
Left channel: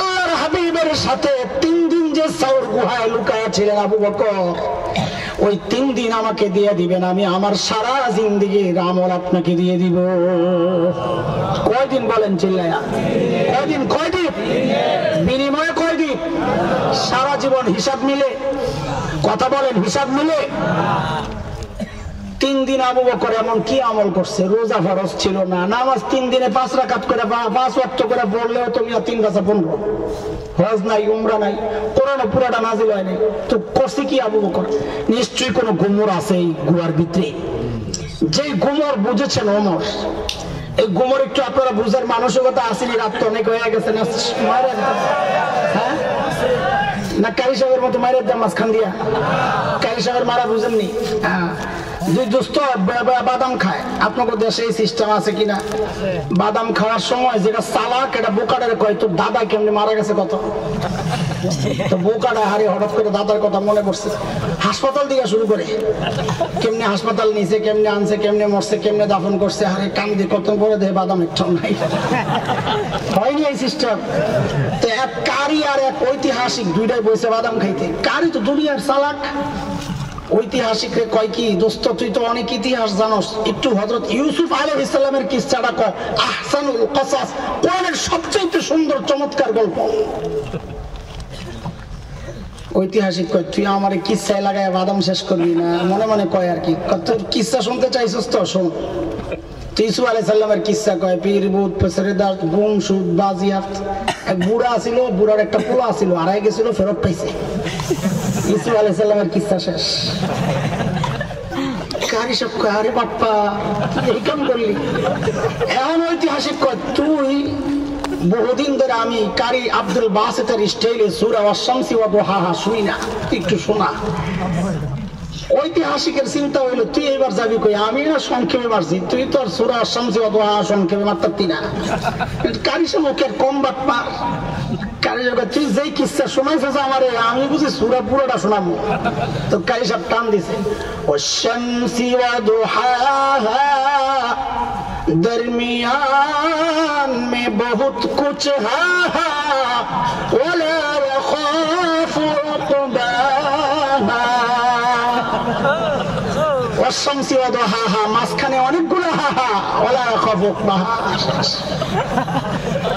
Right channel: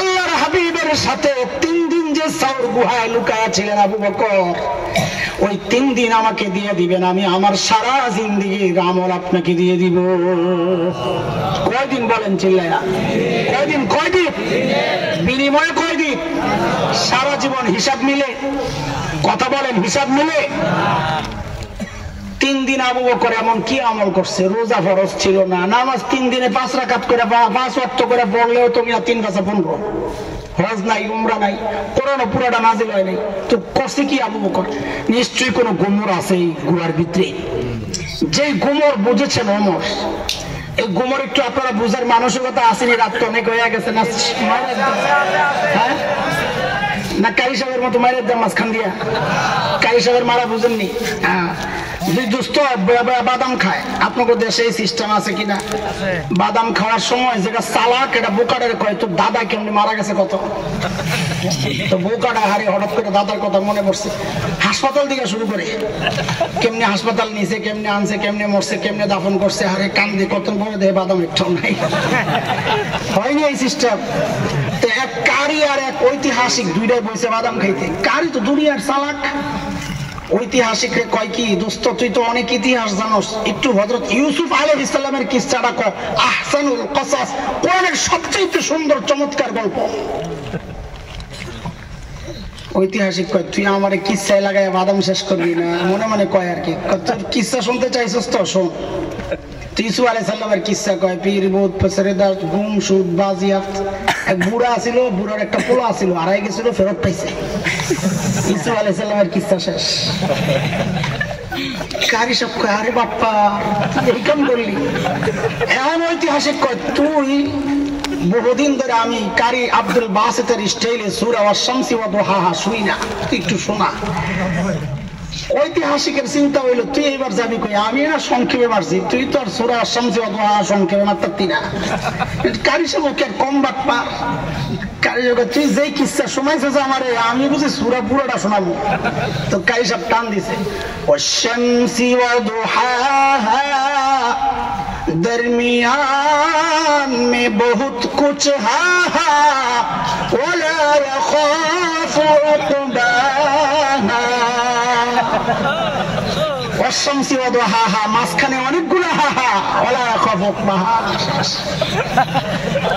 আল্লাহর হাবিবের সাথে 3 দিন যে সাউর গুহায় লুকায়া ছিলেন আবু বকর, ওই 3 দিন আমাকে দিয়ে দিবেন, আমি আমার সারা জিন্দেগির আমল আপনাকে দিয়ে দিব। কয়দিন বলেন চিল্লায়া? কয়দিন? কয়দিন? বিনিময়ে কয়দিন? সারা জীবন। হিসাব মিলে? কথা বলেন, হিসাব মিলে? 3 দিন আবু বকর এমন কি আমল করছে? রোজা ফরজ ছিল না, নামাজ 3 দিনে 5 রাকাত করে 5 ওয়াক্ত করে পড়লেও তুমি 3 বছর পড়বো। হজ নাই, উমরা নাই, কোরআন পুরাটা নাজিল হয় নাই, তো করছে কি আবু বকর? নিশ্চয়ই কোনো গুমর আছে এই গুহার ভিতরে। যে গুমর বুঝেছেন ওমর, এই গুমর একটু আপনারা বুঝার মানসিকতা আসেনি, রাত তো অনেক হয়ে গেছে না? হ্যাঁ না, কারি সাহেবের মতো মায়ের দাম মাঝখান দিয়া, কারি সাহেবের মারা বুঝেননি? হ্যাঁ, দোস্ত বাদাম খায়, আপনাদের দেশে এই সিস্টেম আছে কিনা? বাদাম খাওয়ার সময় যেটা চালাক, এটা বোকাটারে কয় তোর দাদা কেমনি মারা গেছে কত, তো বোকাটা হারে হঠাৎ করে দাদার কথা মনে পড়ছে, হাসপাতাল দিকে শুরু করে, কেমনে হাসপাতাল নিছে, কেমনে আনছে, কেমনে মরছে, কেমনে দাফন করছে, হারে কান্দি, কত পরে দেয় বাদাম একটাও নাই। হয়নি এই সিস্টেম? এক কারি আর এক ঐতিহাসিক দুইটাই বসে বাদাম খাইতে। কারি তো দুনিয়ার চালাক, ঐতিহাসিক রে কয় কি, দোস্ত তুই তো অনেক ইতিহাস জানোস, একটু হযরত ইউসুফ আলাইহিস সালামের কিসসাটা কয়, আহসানুল কসাস, কোরআনের সবচেয়ে সুন্দর চমৎকার গল্প। ঐতিহাসিক কয় তুই আমারে কিসসায় লাগায় বাদাম শেষ করবি না, মনে মনে কয় আর কি, তোর কিসসা শুনতে চাইছিস তো শোন। ইউসুফ আলাইহিস সালামের কিসসা কয়, পীর বহুত পসরেদার গুম সুদ বাজিয়াত, এক বুড়া ছিল, বুড়ার একটা পোলা ছিল, হারাই গেছিল, ফেরত পাইছে। ইউসুফ আলাইহিস সালামের কিসসা শেষ। কারি সব কয়, আরে বাপ্পা এই কেন করলি? এমন ঐতিহাসিক কয়, তুই বহুদিন ধরে আমি কারি আব্দুল বাসিতের স্টাইলে সূরা আশ-শামসি ওয়া দুহাহা শুই না, একটু শোনা। ঐতিহাসিকের চিন্তা হইলো তুই এবার যাবি কই, আমি না সংক্ষেপে মারছি, তুই তো আর সূরা আশ-শামসি ওয়া দুহাহা সংক্ষেপে মারতাতি না। কারি সব ওকে কম বাপ্পা, কারি সব তুই যেই কিসসা শোনাইছিস আমারে, আমি বুঝি সূরা পুরোটা শোনাবো। তো কারি সব টান দিছে, ওয়াশ-শামসি ওয়া দুহাহা दरमियान में बहुत कुछ है, वला यखाफु उक़बाहा, ওয়াশ-শামসি ওয়া দুহাহা, মাঝখানে অনেকগুলো হাহা, ওয়ালা ইয়াখাফু উक़বাহা।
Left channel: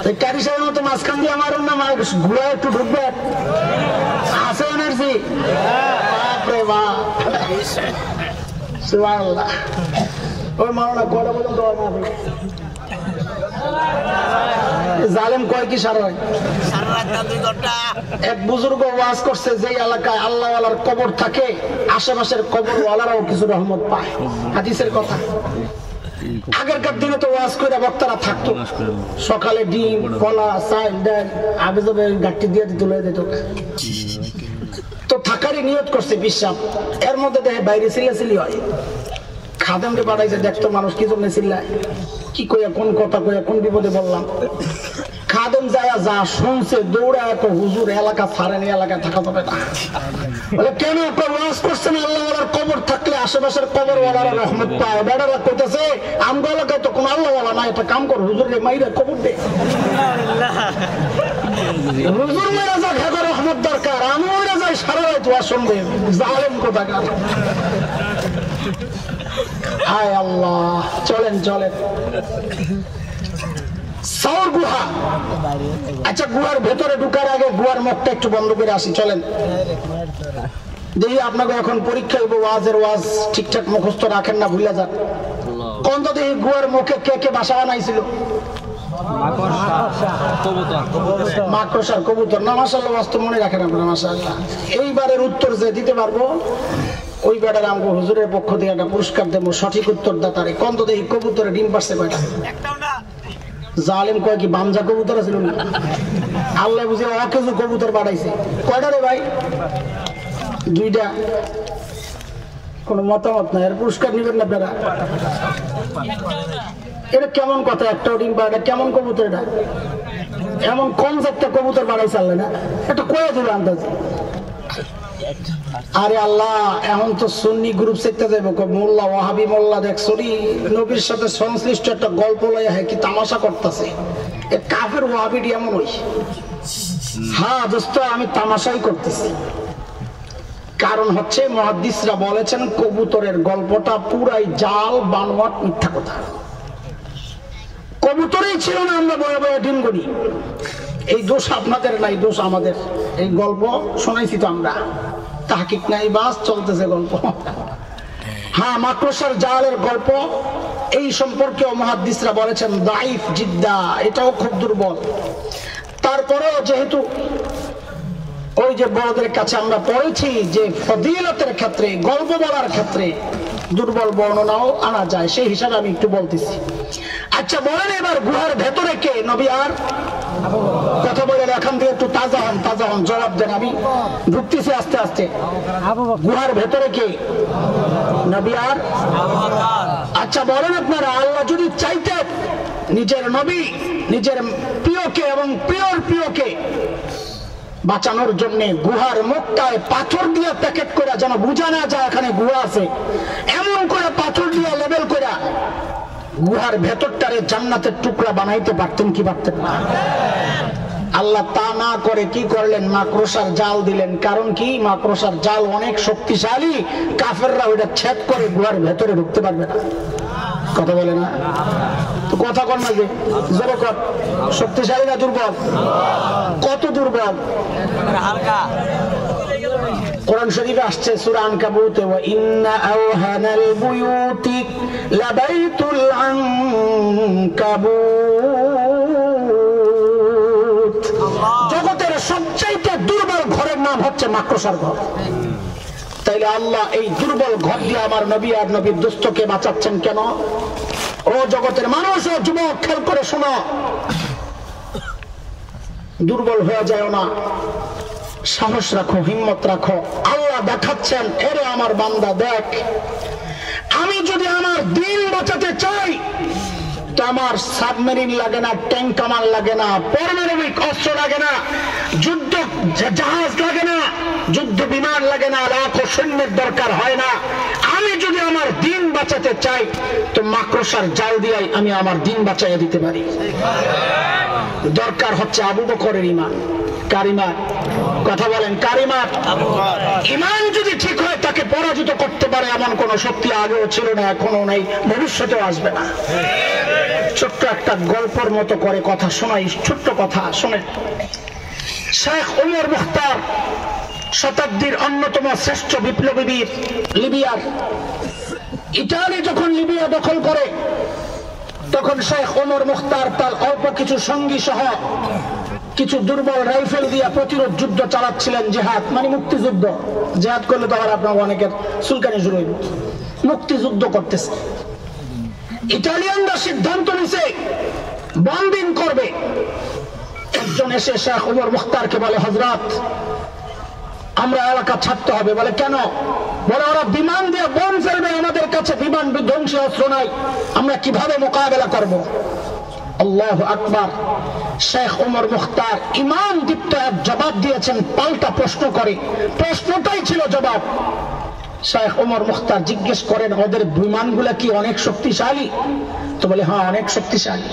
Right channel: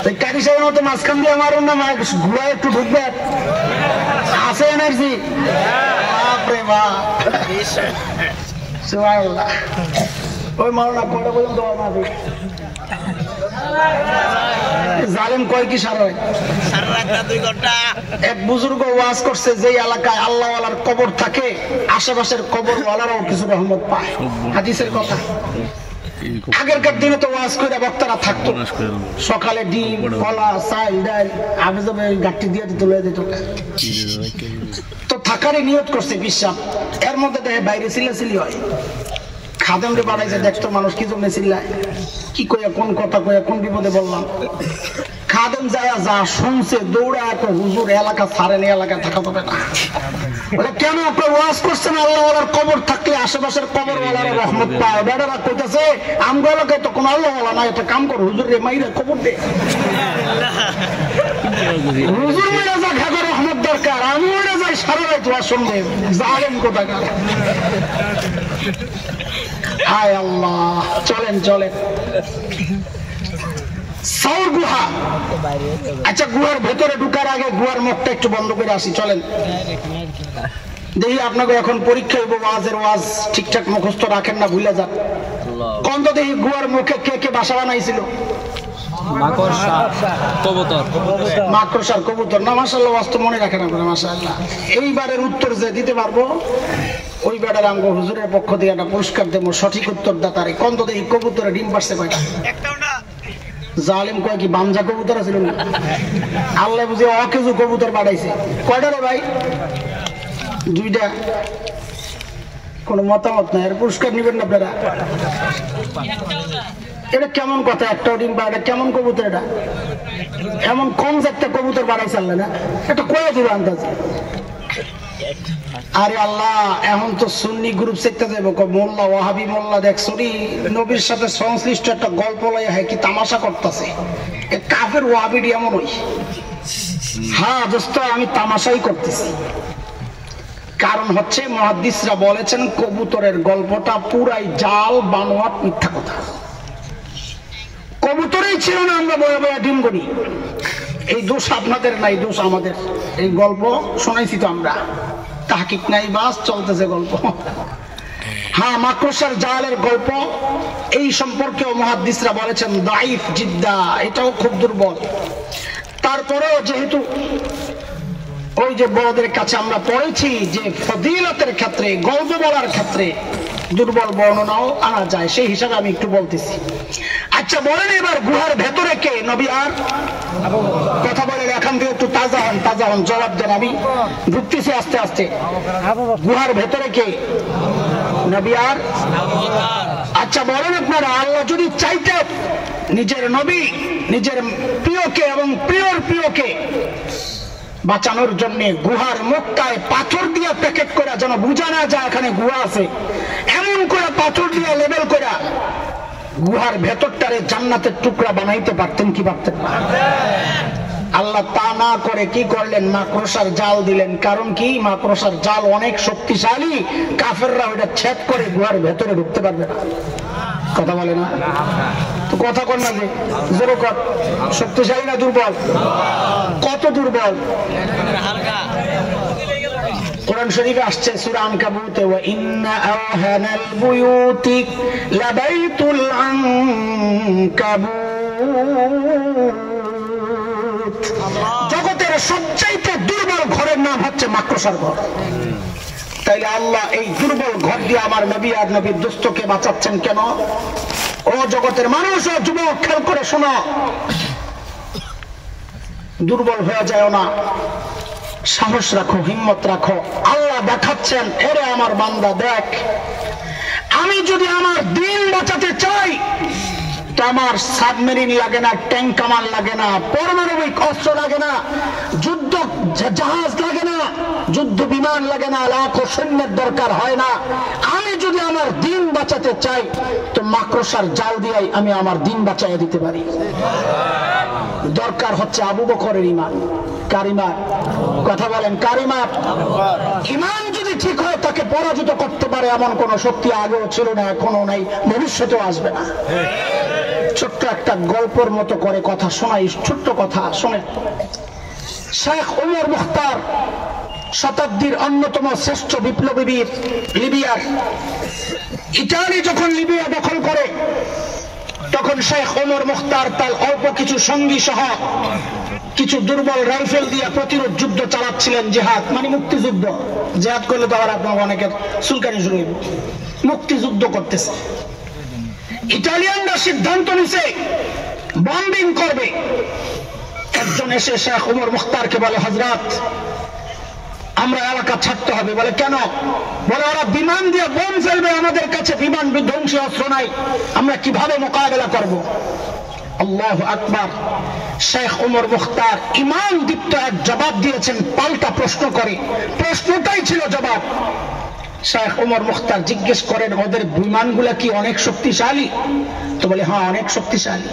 এই কারি সাহেবের মতো মাঝখান দিয়ে মারুন না, ঘুরা একটু ঢুকবে, আছে এনার্জি, বাপরে বাপ, সুবহানাল্লাহ। ওই মাওলানা কয়টা পর্যন্ত জালেম কয় কি সারা রাত 2 ঘন্টা? এক বুজুর্গ ওয়াজ করছে, যে এলাকায় আল্লাহ ওয়ালার কবর থাকে, আশেপাশের কবর ওয়ালারাও কিছু রহমত পায়, হাদিসের কথা। আগেরকার দিনে তো ওয়াজ করে বক্তারা থাকতো, সকালে ডিম কলা চাল ডাল আবে যাবে গাঠি দিয়ে দিত লয়ে দিত, তো থাকারই নিয়ত করছে বিশ্বাস। এর মধ্যে দেখে বাইরে চিল্লাচিল্লি হয়, খাদেমকে বাড়াইছে, দেখতো মানুষ কি জন্য চিল্লায়, কি কয়ে কোন কথা কয়ে কোন বিপদে বললাম। খাদেম যায় যা শুনছে দৌড়া একটা হুজুর এলাকা ছাড়েনি, এলাকায় থাকা যাবে না। কেন আপনার ওয়াজ করছেন আল্লাহওয়ালার কবর থাকলে আশেপাশের কবরওয়ালার রহমত পায়। বেড়ারা কইতেছে আমগো এলাকায় তো কোনো আল্লাহওয়ালা না, একটা কাম কর হুজুর রে মাইরে কবর দে, হুজুর মাইরা যা খাগো রহমত দরকার, আমি ওরা যাই সারা রাত ওয়াজ শুনবে জালেম কোথাকার। হায় আল্লাহ, চলেন চলেন সাউর গুহা। আচ্ছা, গুহার ভেতরে ঢুকার আগে গুহার মুখটা একটু বন্ধ করে আসি, চলেন দেখি। আপনাকে এখন পরীক্ষা হইব, ওয়াজের ওয়াজ ঠিকঠাক মুখস্থ রাখেন না, ভুলে যান। কোন তো দেখি গুহার মুখে কে কে বাসা বানাইছিল? মাকড়সার কবুতর না? মাশাআল্লাহ, ওয়াজ তো মনে রাখেন আপনারা, মাশাআল্লাহ। এইবারের উত্তর যে দিতে পারবো ওই বেটার আমগো হুজুরের পক্ষ থেকে একটা পুরস্কার দেবো, সঠিক উত্তর দাতারে। কোন তো দেখি কবুতরে ডিম পারছে কয়টা? জালেম কয় কি বাঞ্জা কবুতর ছিল না? আল্লাহ বুঝে অকেজু কবুতর বাড়াইছে। কয়টা রে ভাই? দুইটা। কোন মতামত নাই, এর পুরস্কার নিবেন না আপনারা? এটা কেমন কথা, একটা ডিম পাড়া কেমন কবুতর? এটা এমন কম একটা কবুতর বাড়াইছে আল্লাহ না? এটা কয়ে দিবে আন্দাজে। আরে আল্লাহ, এমন তো সুন্নি গ্রুপ শিখতে যাবো, মোল্লা ওয়াহাবি মোল্লা দেখছো নবীর সাথে সংশ্লিষ্ট একটা গল্প লয় হয় কি তামাশা করতেছে। কাফের ওয়াহাবিডি এমন ওই। হ্যাঁ দোস্ত, আমি তামাশাই করতেছি। কারণ হচ্ছে মুহাদ্দিসরা বলেছেন কবুতরের গল্পটা পুরাই জাল, বানোয়াট, মিথ্যা কথা। কবুতরেই ছিল না, আমরা বয়ে বয়ে ডিম করি। এই দোষ আপনাদের নাই, দোষ আমাদের। এই গল্প শোনাইছি তো আমরা, তাহকিক নাই, বাস চলতেছে গল্প। হ্যাঁ, মাকড়সার জালের গল্প এই সম্পর্কেও মুহাদ্দিসরা বলেছেন দাইফ জিদ্দা, এটাও খুব দুর্বল। তারপরেও যেহেতু ওই যে বড়দের কাছে আমরা পড়েছি যে ফজিলতের ক্ষেত্রে, গল্প বলার ক্ষেত্রে দুর্বল বর্ণনাও আনা যায়, সেই হিসাবে আমি একটু বলতেছি। আচ্ছা বলেন, এবার গুহার ভেতরে কে? নবী আর কথা বলেন, এখান থেকে একটু তাজা হন, তাজা হন, জবাব দেন। আমি ঢুকতেছি আস্তে আস্তে। গুহার ভেতরে কে? নবী আর। আচ্ছা বলেন আপনারা, আল্লাহ যদি চাইতেন নিজের নবী, নিজের প্রিয়কে এবং প্রিয়র প্রিয়কে বাঁচানোর জন্য গুহার মুখটায় পাথর দিয়ে প্যাকেট করে, যেন বোঝা না যায় এখানে গুহা আছে, এমন করে পাথর দিয়ে লেবেল করে গুহার ভেতরটারে জান্নাতের টুকরা বানাইতে পারতেন কি পারতেন না? আল্লাহ তা না করে কি করলেন? মাকড়সার জাল দিলেন। কারণ কি? মাকড়সার জাল অনেক শক্তিশালী, কাফেররা ওইটা ছেদ করে গুহার ভেতরে ঢুকতে পারবে না। কথা বলে না তো? কথা কর না, যে জোরে কর। শক্তিশালী না দুর্বল? কত দুর্বল? কোরআন শরীফে আসছে সূরা আনকাবুতে, ওয়া ইন্না আওহানাল বুয়ুতি লাবাইতুল আনকাবুত। জগতের সবচেয়ে দুর্বল ঘরের নাম হচ্ছে মাকড়সার ঘর। তাইলে আল্লাহ এই দুর্বল ঘর দিয়ে আমার নবী আর নবীর দোস্তকে বাঁচাচ্ছেন কেন? ও জগতের মানুষ ও যুবক, খেয়াল করে শোনো, দুর্বল হয়ে যায় না, সাহস রাখো, হিম্মত রাখো। আল্লাহ দেখাচ্ছেন, এরে আমার বান্দা দেখ, আমি যদি আমার দিন বাঁচাতে চাই তো আমার সাবমেরিন লাগে না, ট্যাঙ্ক কামান লাগে না, পারমাণবিক অস্ত্র লাগে না, যুদ্ধ জাহাজ লাগে না, যুদ্ধ বিমান লাগে না, লাখো সৈন্যের দরকার হয় না। আমি যদি আমার দিন বাঁচাতে চাই তো মাকড়সার জাল দিয়ে আমি আমার দিন বাঁচাইয়া দিতে পারি। দরকার হচ্ছে আবু বকরের ঈমান। কার ঈমান? কথা বলেন, কার ঈমান? ঈমান যদি ঠিক হয়, তাকে পরাজিত করতে পারে এমন কোন শক্তি আগেও ছিল না, এখনো নেই, ভবিষ্যতেও আসবে না। ছোট্ট একটা গল্পের মতো করে কথা শোনাই, ছোট্ট কথা শোনেন। শেখ ওমর মুখতার, শতাব্দীর অন্যতম শ্রেষ্ঠ বিপ্লবী বীর, লিবিয়ার। ইতালি যখন লিবিয়া দখল করে তখন শেখ ওমর মুখতার তার অল্প কিছু সঙ্গী সহ কিছু দুর্বল রাইফেল দিয়ে প্রতিরোধ যুদ্ধ চালাচ্ছিলেন। জিহাদ মানে মুক্তিযুদ্ধ। জিহাদ করলে তো আবার আপনার অনেকের চুলকানি শুরু হইব। মুক্তিযুদ্ধ করতেছে। ইটালিয়ানরা সিদ্ধান্ত নিছে বম্বিং করবে। একজন এসে শেখ ওমর মুখতারকে বলে, হযরত আমরা এলাকা ছাড়তে হবে। বলে কেন? বলে ওরা বিমান দিয়ে বোম ফেলবে, আমাদের কাছে বিমান বিধ্বংসী অস্ত্র নাই, আমরা কিভাবে মোকাবেলা করব? আল্লাহু আকবার। শেখ ওমর মুখতার ইমান দীপ্ত এক জবাব দিয়েছেন, পাল্টা প্রশ্ন করে। প্রশ্নটাই ছিল জবাব। শেখ ওমর মুখতার জিজ্ঞেস করেন, ওদের বিমানগুলা কি অনেক শক্তিশালী? তো বলে হ্যাঁ, অনেক শক্তিশালী।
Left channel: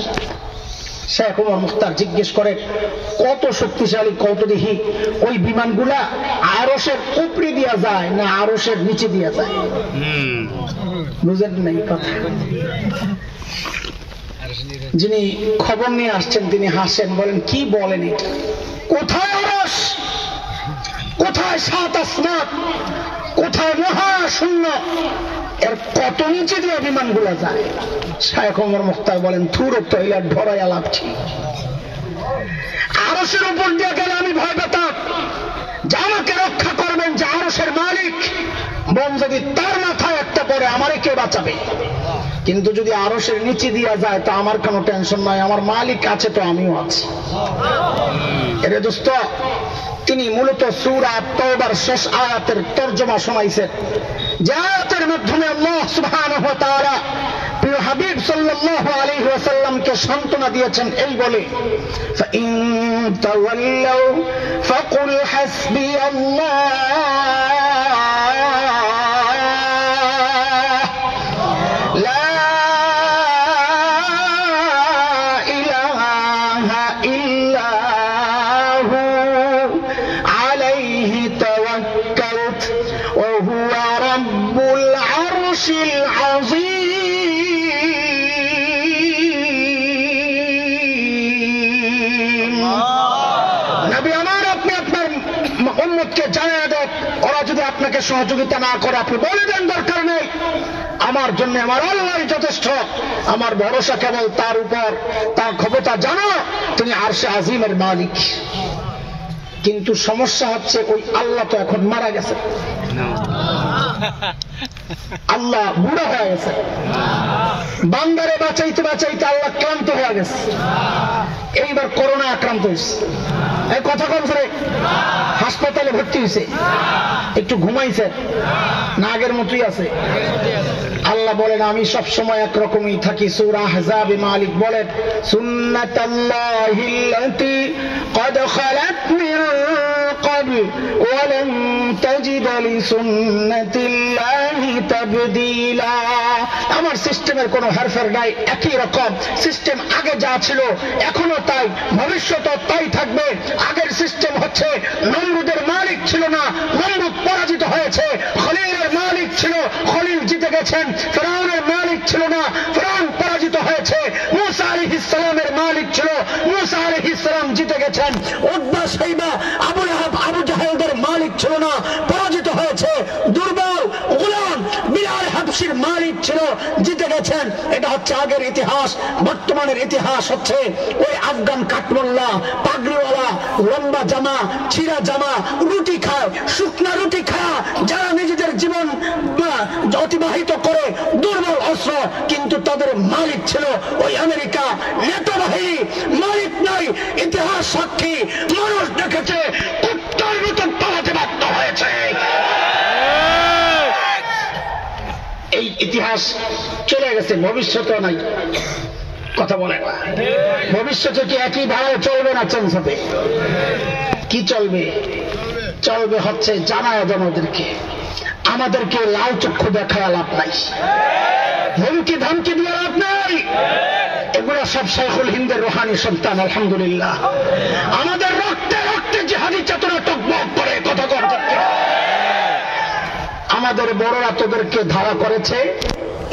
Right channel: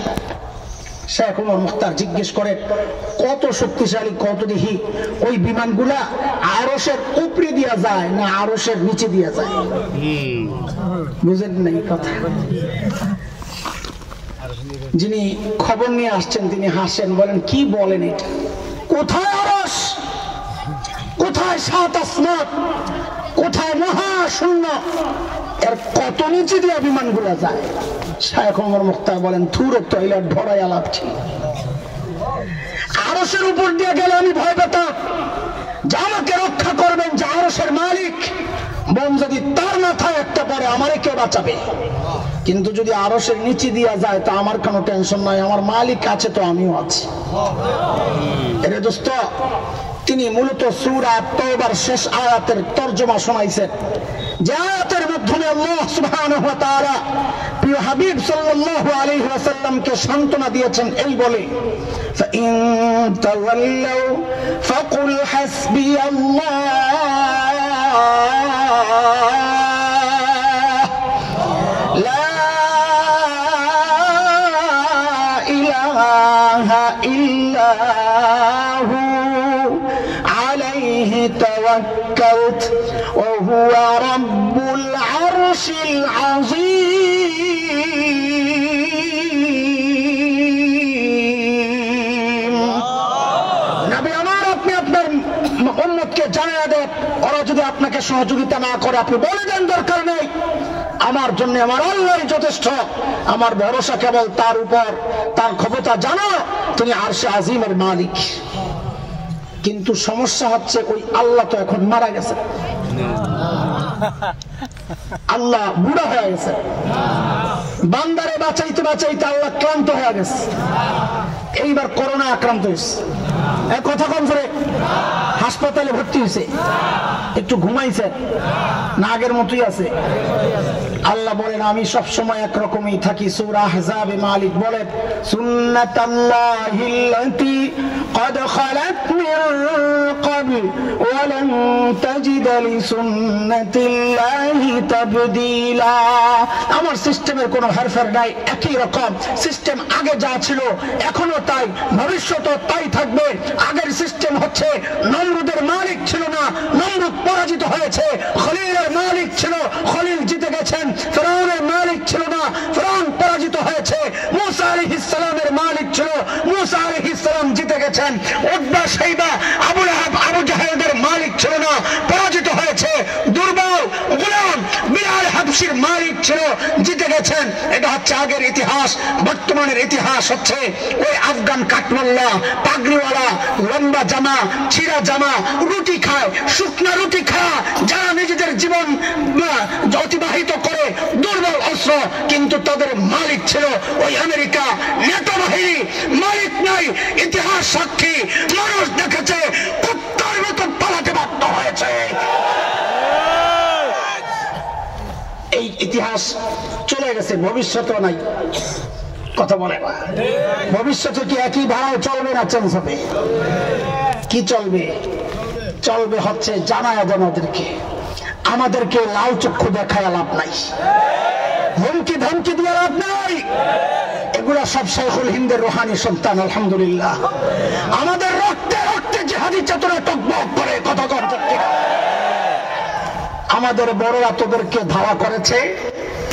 শেখ ওমর মুখতার জিজ্ঞেস করেন, কত শক্তিশালী? কত দেখি। ওই বিমানগুলা আরশের উপরে দিয়া যায় না আরশের নিচে দিয়া যায়? বুঝেন নাই কথা? যিনি খবর নিয়ে আসছেন তিনি হাসেন, বলেন কি বলেন এটা? কোথায় আরশ, কোথায় সাত আসমান, কোথায় মহাশূন্য, এর কত নিচে দিয়ে বিমানগুলো যায়? শেখ ওমর মুখতার বলেন, থুর তৈলা ঢরাই আলাপছি। আরশের উপর দিয়ে গেলে আমি ভয় পেতাম যে আমাকে রক্ষা করবেন যে আরশের মালিক, বোম যদি তার মাথায় একটা পড়ে আমারে কে বাঁচাবে? কিন্তু যদি আরশের নিচে দিয়া যায় তা আমার কোনো টেনশন নাই, আমার মালিক আছে তো আমিও আছি। এরে দোস্ত, তিনি মূলত সূরা তাওবার শেষ আয়াতের তরজমা শোনাইছেন, যে আয়াতের মাধ্যমে আল্লাহ সুবহানাহু ওয়া তাআলা প্রিয় হাবিব সাল্লাল্লাহু আলাইহি ওয়াসাল্লামকে সান্ত্বনা দিয়েছেন এই বলে, ফাইন তাওয়াল্লাউ ফাকুল হাসবিয়াল্লাহ লা ইলাহা ইল্লা توكلت وهو رب العرش العظيم। নবী আমার, আপনি আপনার উম্মতকে জানিয়ে দেন, ওরা যদি আপনাকে সহযোগিতা না করে আপনি বলে দেন দরকার নেই, আমার জন্য আমার আল্লাহই যথেষ্ট, আমার ভরসা কেবল তার উপর, তার ক্ষমতা জানো, তিনি আরশে আজিমের মালিক। কিন্তু সমস্যা হচ্ছে ওই আল্লাহ তো এখন মারা গেছে, আল্লাহ বুড়া হয়ে গেছে, বান্দারে বাঁচাইতে বাঁচাইতে আল্লাহ ক্লান্ত হয়ে গেছে। এইবার করোনা আক্রান্ত হয়েছে, এই কথা কম করে হাসপাতালে ভর্তি হয়েছে, একটু ঘুমাইছে না আগের মতোই আছে? আল্লাহ বলেন আমি সব সময় একরকমই থাকি। সূরা আহজাবে মালিক বলেন, সুন্নাতাল্লাহিল্লাতী ক্বাদ খালাত মিন ক্বাবল ওয়া লান তাজিদা লিসুন্নাতিল্লাহি তাবদীলা। আমার সিস্টেমের কোনো হেরফের নাই, একই রকম সিস্টেম আগে যা ছিল এখনো তাই, ভবিষ্যতেও তাই থাকবে। আগের সিস্টেম হচ্ছে নমরুদের মালিক ছিল না, নমরুদ পরাজিত হয়েছে। খলিলের মালিক ছিল, খলিল জিতে গেছেন। ফিরআউনের মালিক ছিল না, ফিরআউন পরাজিত হয়েছে। মূসা আলাইহিস সালামের মালিক ছিল, মূসা আলাইহিস সালাম জিতে গেছেন। উতবা শাইবা আবু লাহাব আবু জাহেলদের মালিক ছিল না, পরাজিত হয়েছে। দুর্বল গোলাম বিলাল হাবশির মালিক ছিল, জিতে গেছেন। এটা হচ্ছে আগের ইতিহাস। বর্তমানের ইতিহাস হচ্ছে ওই আফগান কাঠমোল্লা পাগড়িওয়ালা, লম্বা জামা ছিঁড়া জামা, রুটি খায়, শুকনা রুটি খায়, যারা নিজেদের জীবন অতিবাহিত করে, দুর্বল অস্ত্র, কিন্তু তাদের মালিক ছিল ওই আমেরিকা। নেতা বাহিনী মালিক নাই, ইতিহাস সাক্ষী, মানুষ দেখেছে কুত্তার মতো পালাতে বাধ্য হয়েছে। এই ইতিহাস চলে গেছে, ভবিষ্যতেও নাই। কথা বলে না, ভবিষ্যতে কি একই ধারায় চলবে না চেঞ্জ হবে? কি চলবে? চলবে হচ্ছে জানায় আমাদেরকে লাল চক্ষু দেখায় লাভ নাই, হুমকি ধমকি দিয়ে লাভ নাই। এগুলা সব শাইখুল হিন্দের রুহানি সন্তান। আলহামদুলিল্লাহ, আমাদের রক্তে রক্তে জিহাদি চেতনা টকবক করে। কথা কথা আমাদের বড়রা তোদেরকে ধাওয়া করেছে,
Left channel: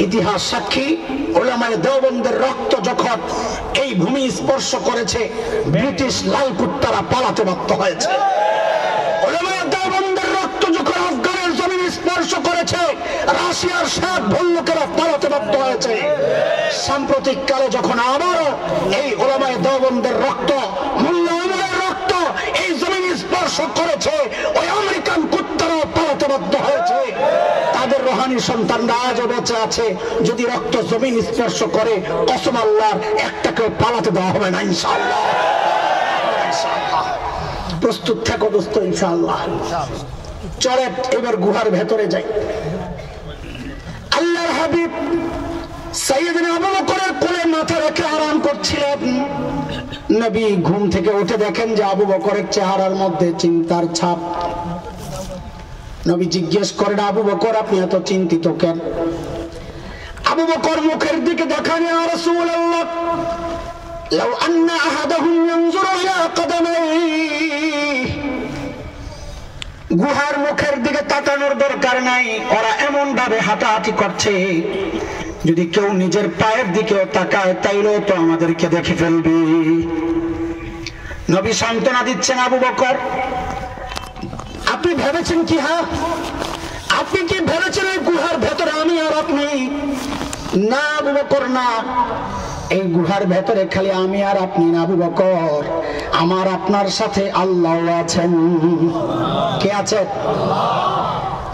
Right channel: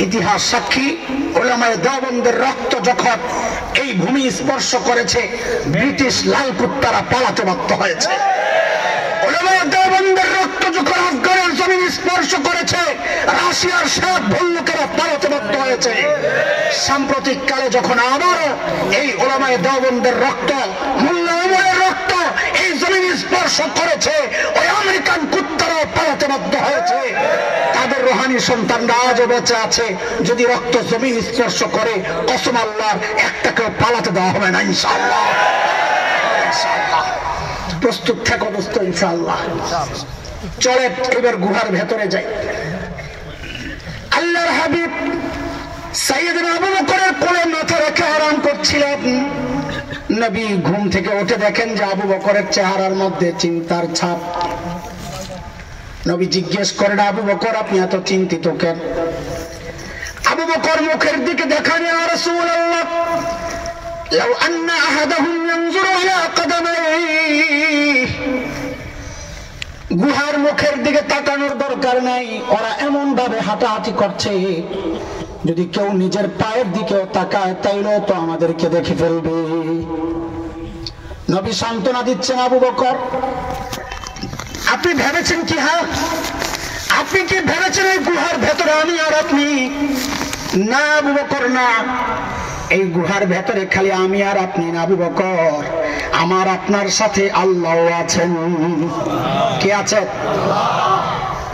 ইতিহাস সাক্ষী। উলামায়ে দেওবন্দের রক্ত যখন এই ভূমি স্পর্শ করেছে, ব্রিটিশ লাল কুত্তারা পালাতে বাধ্য হয়েছে। উলামায়ে দেওবন্দের রক্ত যখন আফগানের জমিন স্পর্শ করেছে, রাশিয়ার 7 ভল্লুকেরা পালাতে বাধ্য হয়েছে। সাম্প্রতিক কালে যখন আবারও এই উলামায়ে দেওবন্দের রক্ত, মোল্লা ওমরের রক্ত এই জমিন স্পর্শ করেছে, ওই আমেরিকান কুত্তারাও পালাতে বাধ্য হয়েছে। তাদের রুহানি সন্তানরা আজও বেঁচে আছে, যদি রক্ত জমিন স্পর্শ করে কসম আল্লাহর একটাকেও পালাতে দেওয়া হবে না ইনশাআল্লাহ। প্রস্তুত থাকো দোস্ত ইনশাআল্লাহ। চলে এবার গুহার ভেতরে যাই। আল্লাহর হাবিব সাইয়েদনা আবু বকরের কোলে মাথা রেখে আরাম করছিলেন। নবী ঘুম থেকে উঠে দেখেন যে আবু বকরের চেহারার মধ্যে চিন্তার ছাপ। নবী জিজ্ঞেস করেন, আবু বকর আপনি এত চিন্তিত কেন? আবু বকর মুখের দিকে দেখান, ইয়া রাসূলুল্লাহ লাউ আন্না আহাদাহুম ইয়ানজুরু ইলা কদামাইহি, গুহার মুখের দিকে তাকানোর দরকার নাই, ওরা এমন ভাবে হাঁটাহাঁটি করছে, যদি কেউ নিজের পায়ের দিকে তাকায় তাইলেও তো আমাদেরকে দেখে ফেলবে। নবী সান্ত্বনা দিচ্ছেন, আবু বকর আপনি ভেবেছেন কি? হ্যাঁ, আপনি কি ভেবেছেন এই গুহার ভেতরে আমি আর আপনি? না আবু বকর না, এই গুহার ভেতরে খালি আমি আর আপনি না আবু বকর, আমার আপনার সাথে আল্লাহ আছেন। কে আছে?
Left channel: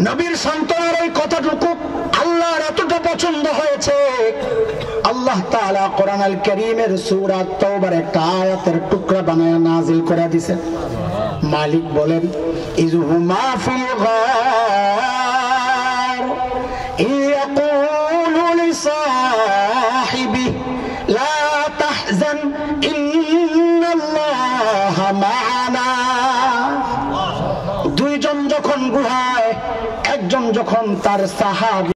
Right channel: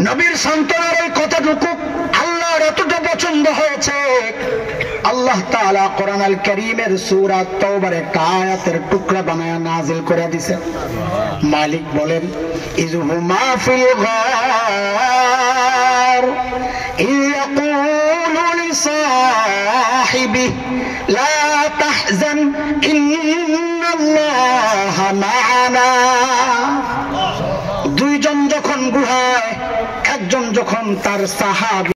নবীর সন্তানের এই কথাটুকু আল্লাহর এতটা পছন্দ হয়েছে, আল্লাহ তাআলা কোরআন আল কারীমের সূরা তাওবার একটা আয়াতের টুকরা বানায়া নাযিল করে দিয়েছেন। মালিক বলেন, ইযহুমা ফিল গার ইয়াকুলু লিসাহিবিহি লা তাহজান ইন্নাল্লাহা মা'ানা। দুইজন যখন গুহায়, একজন যখন তার সাহাবী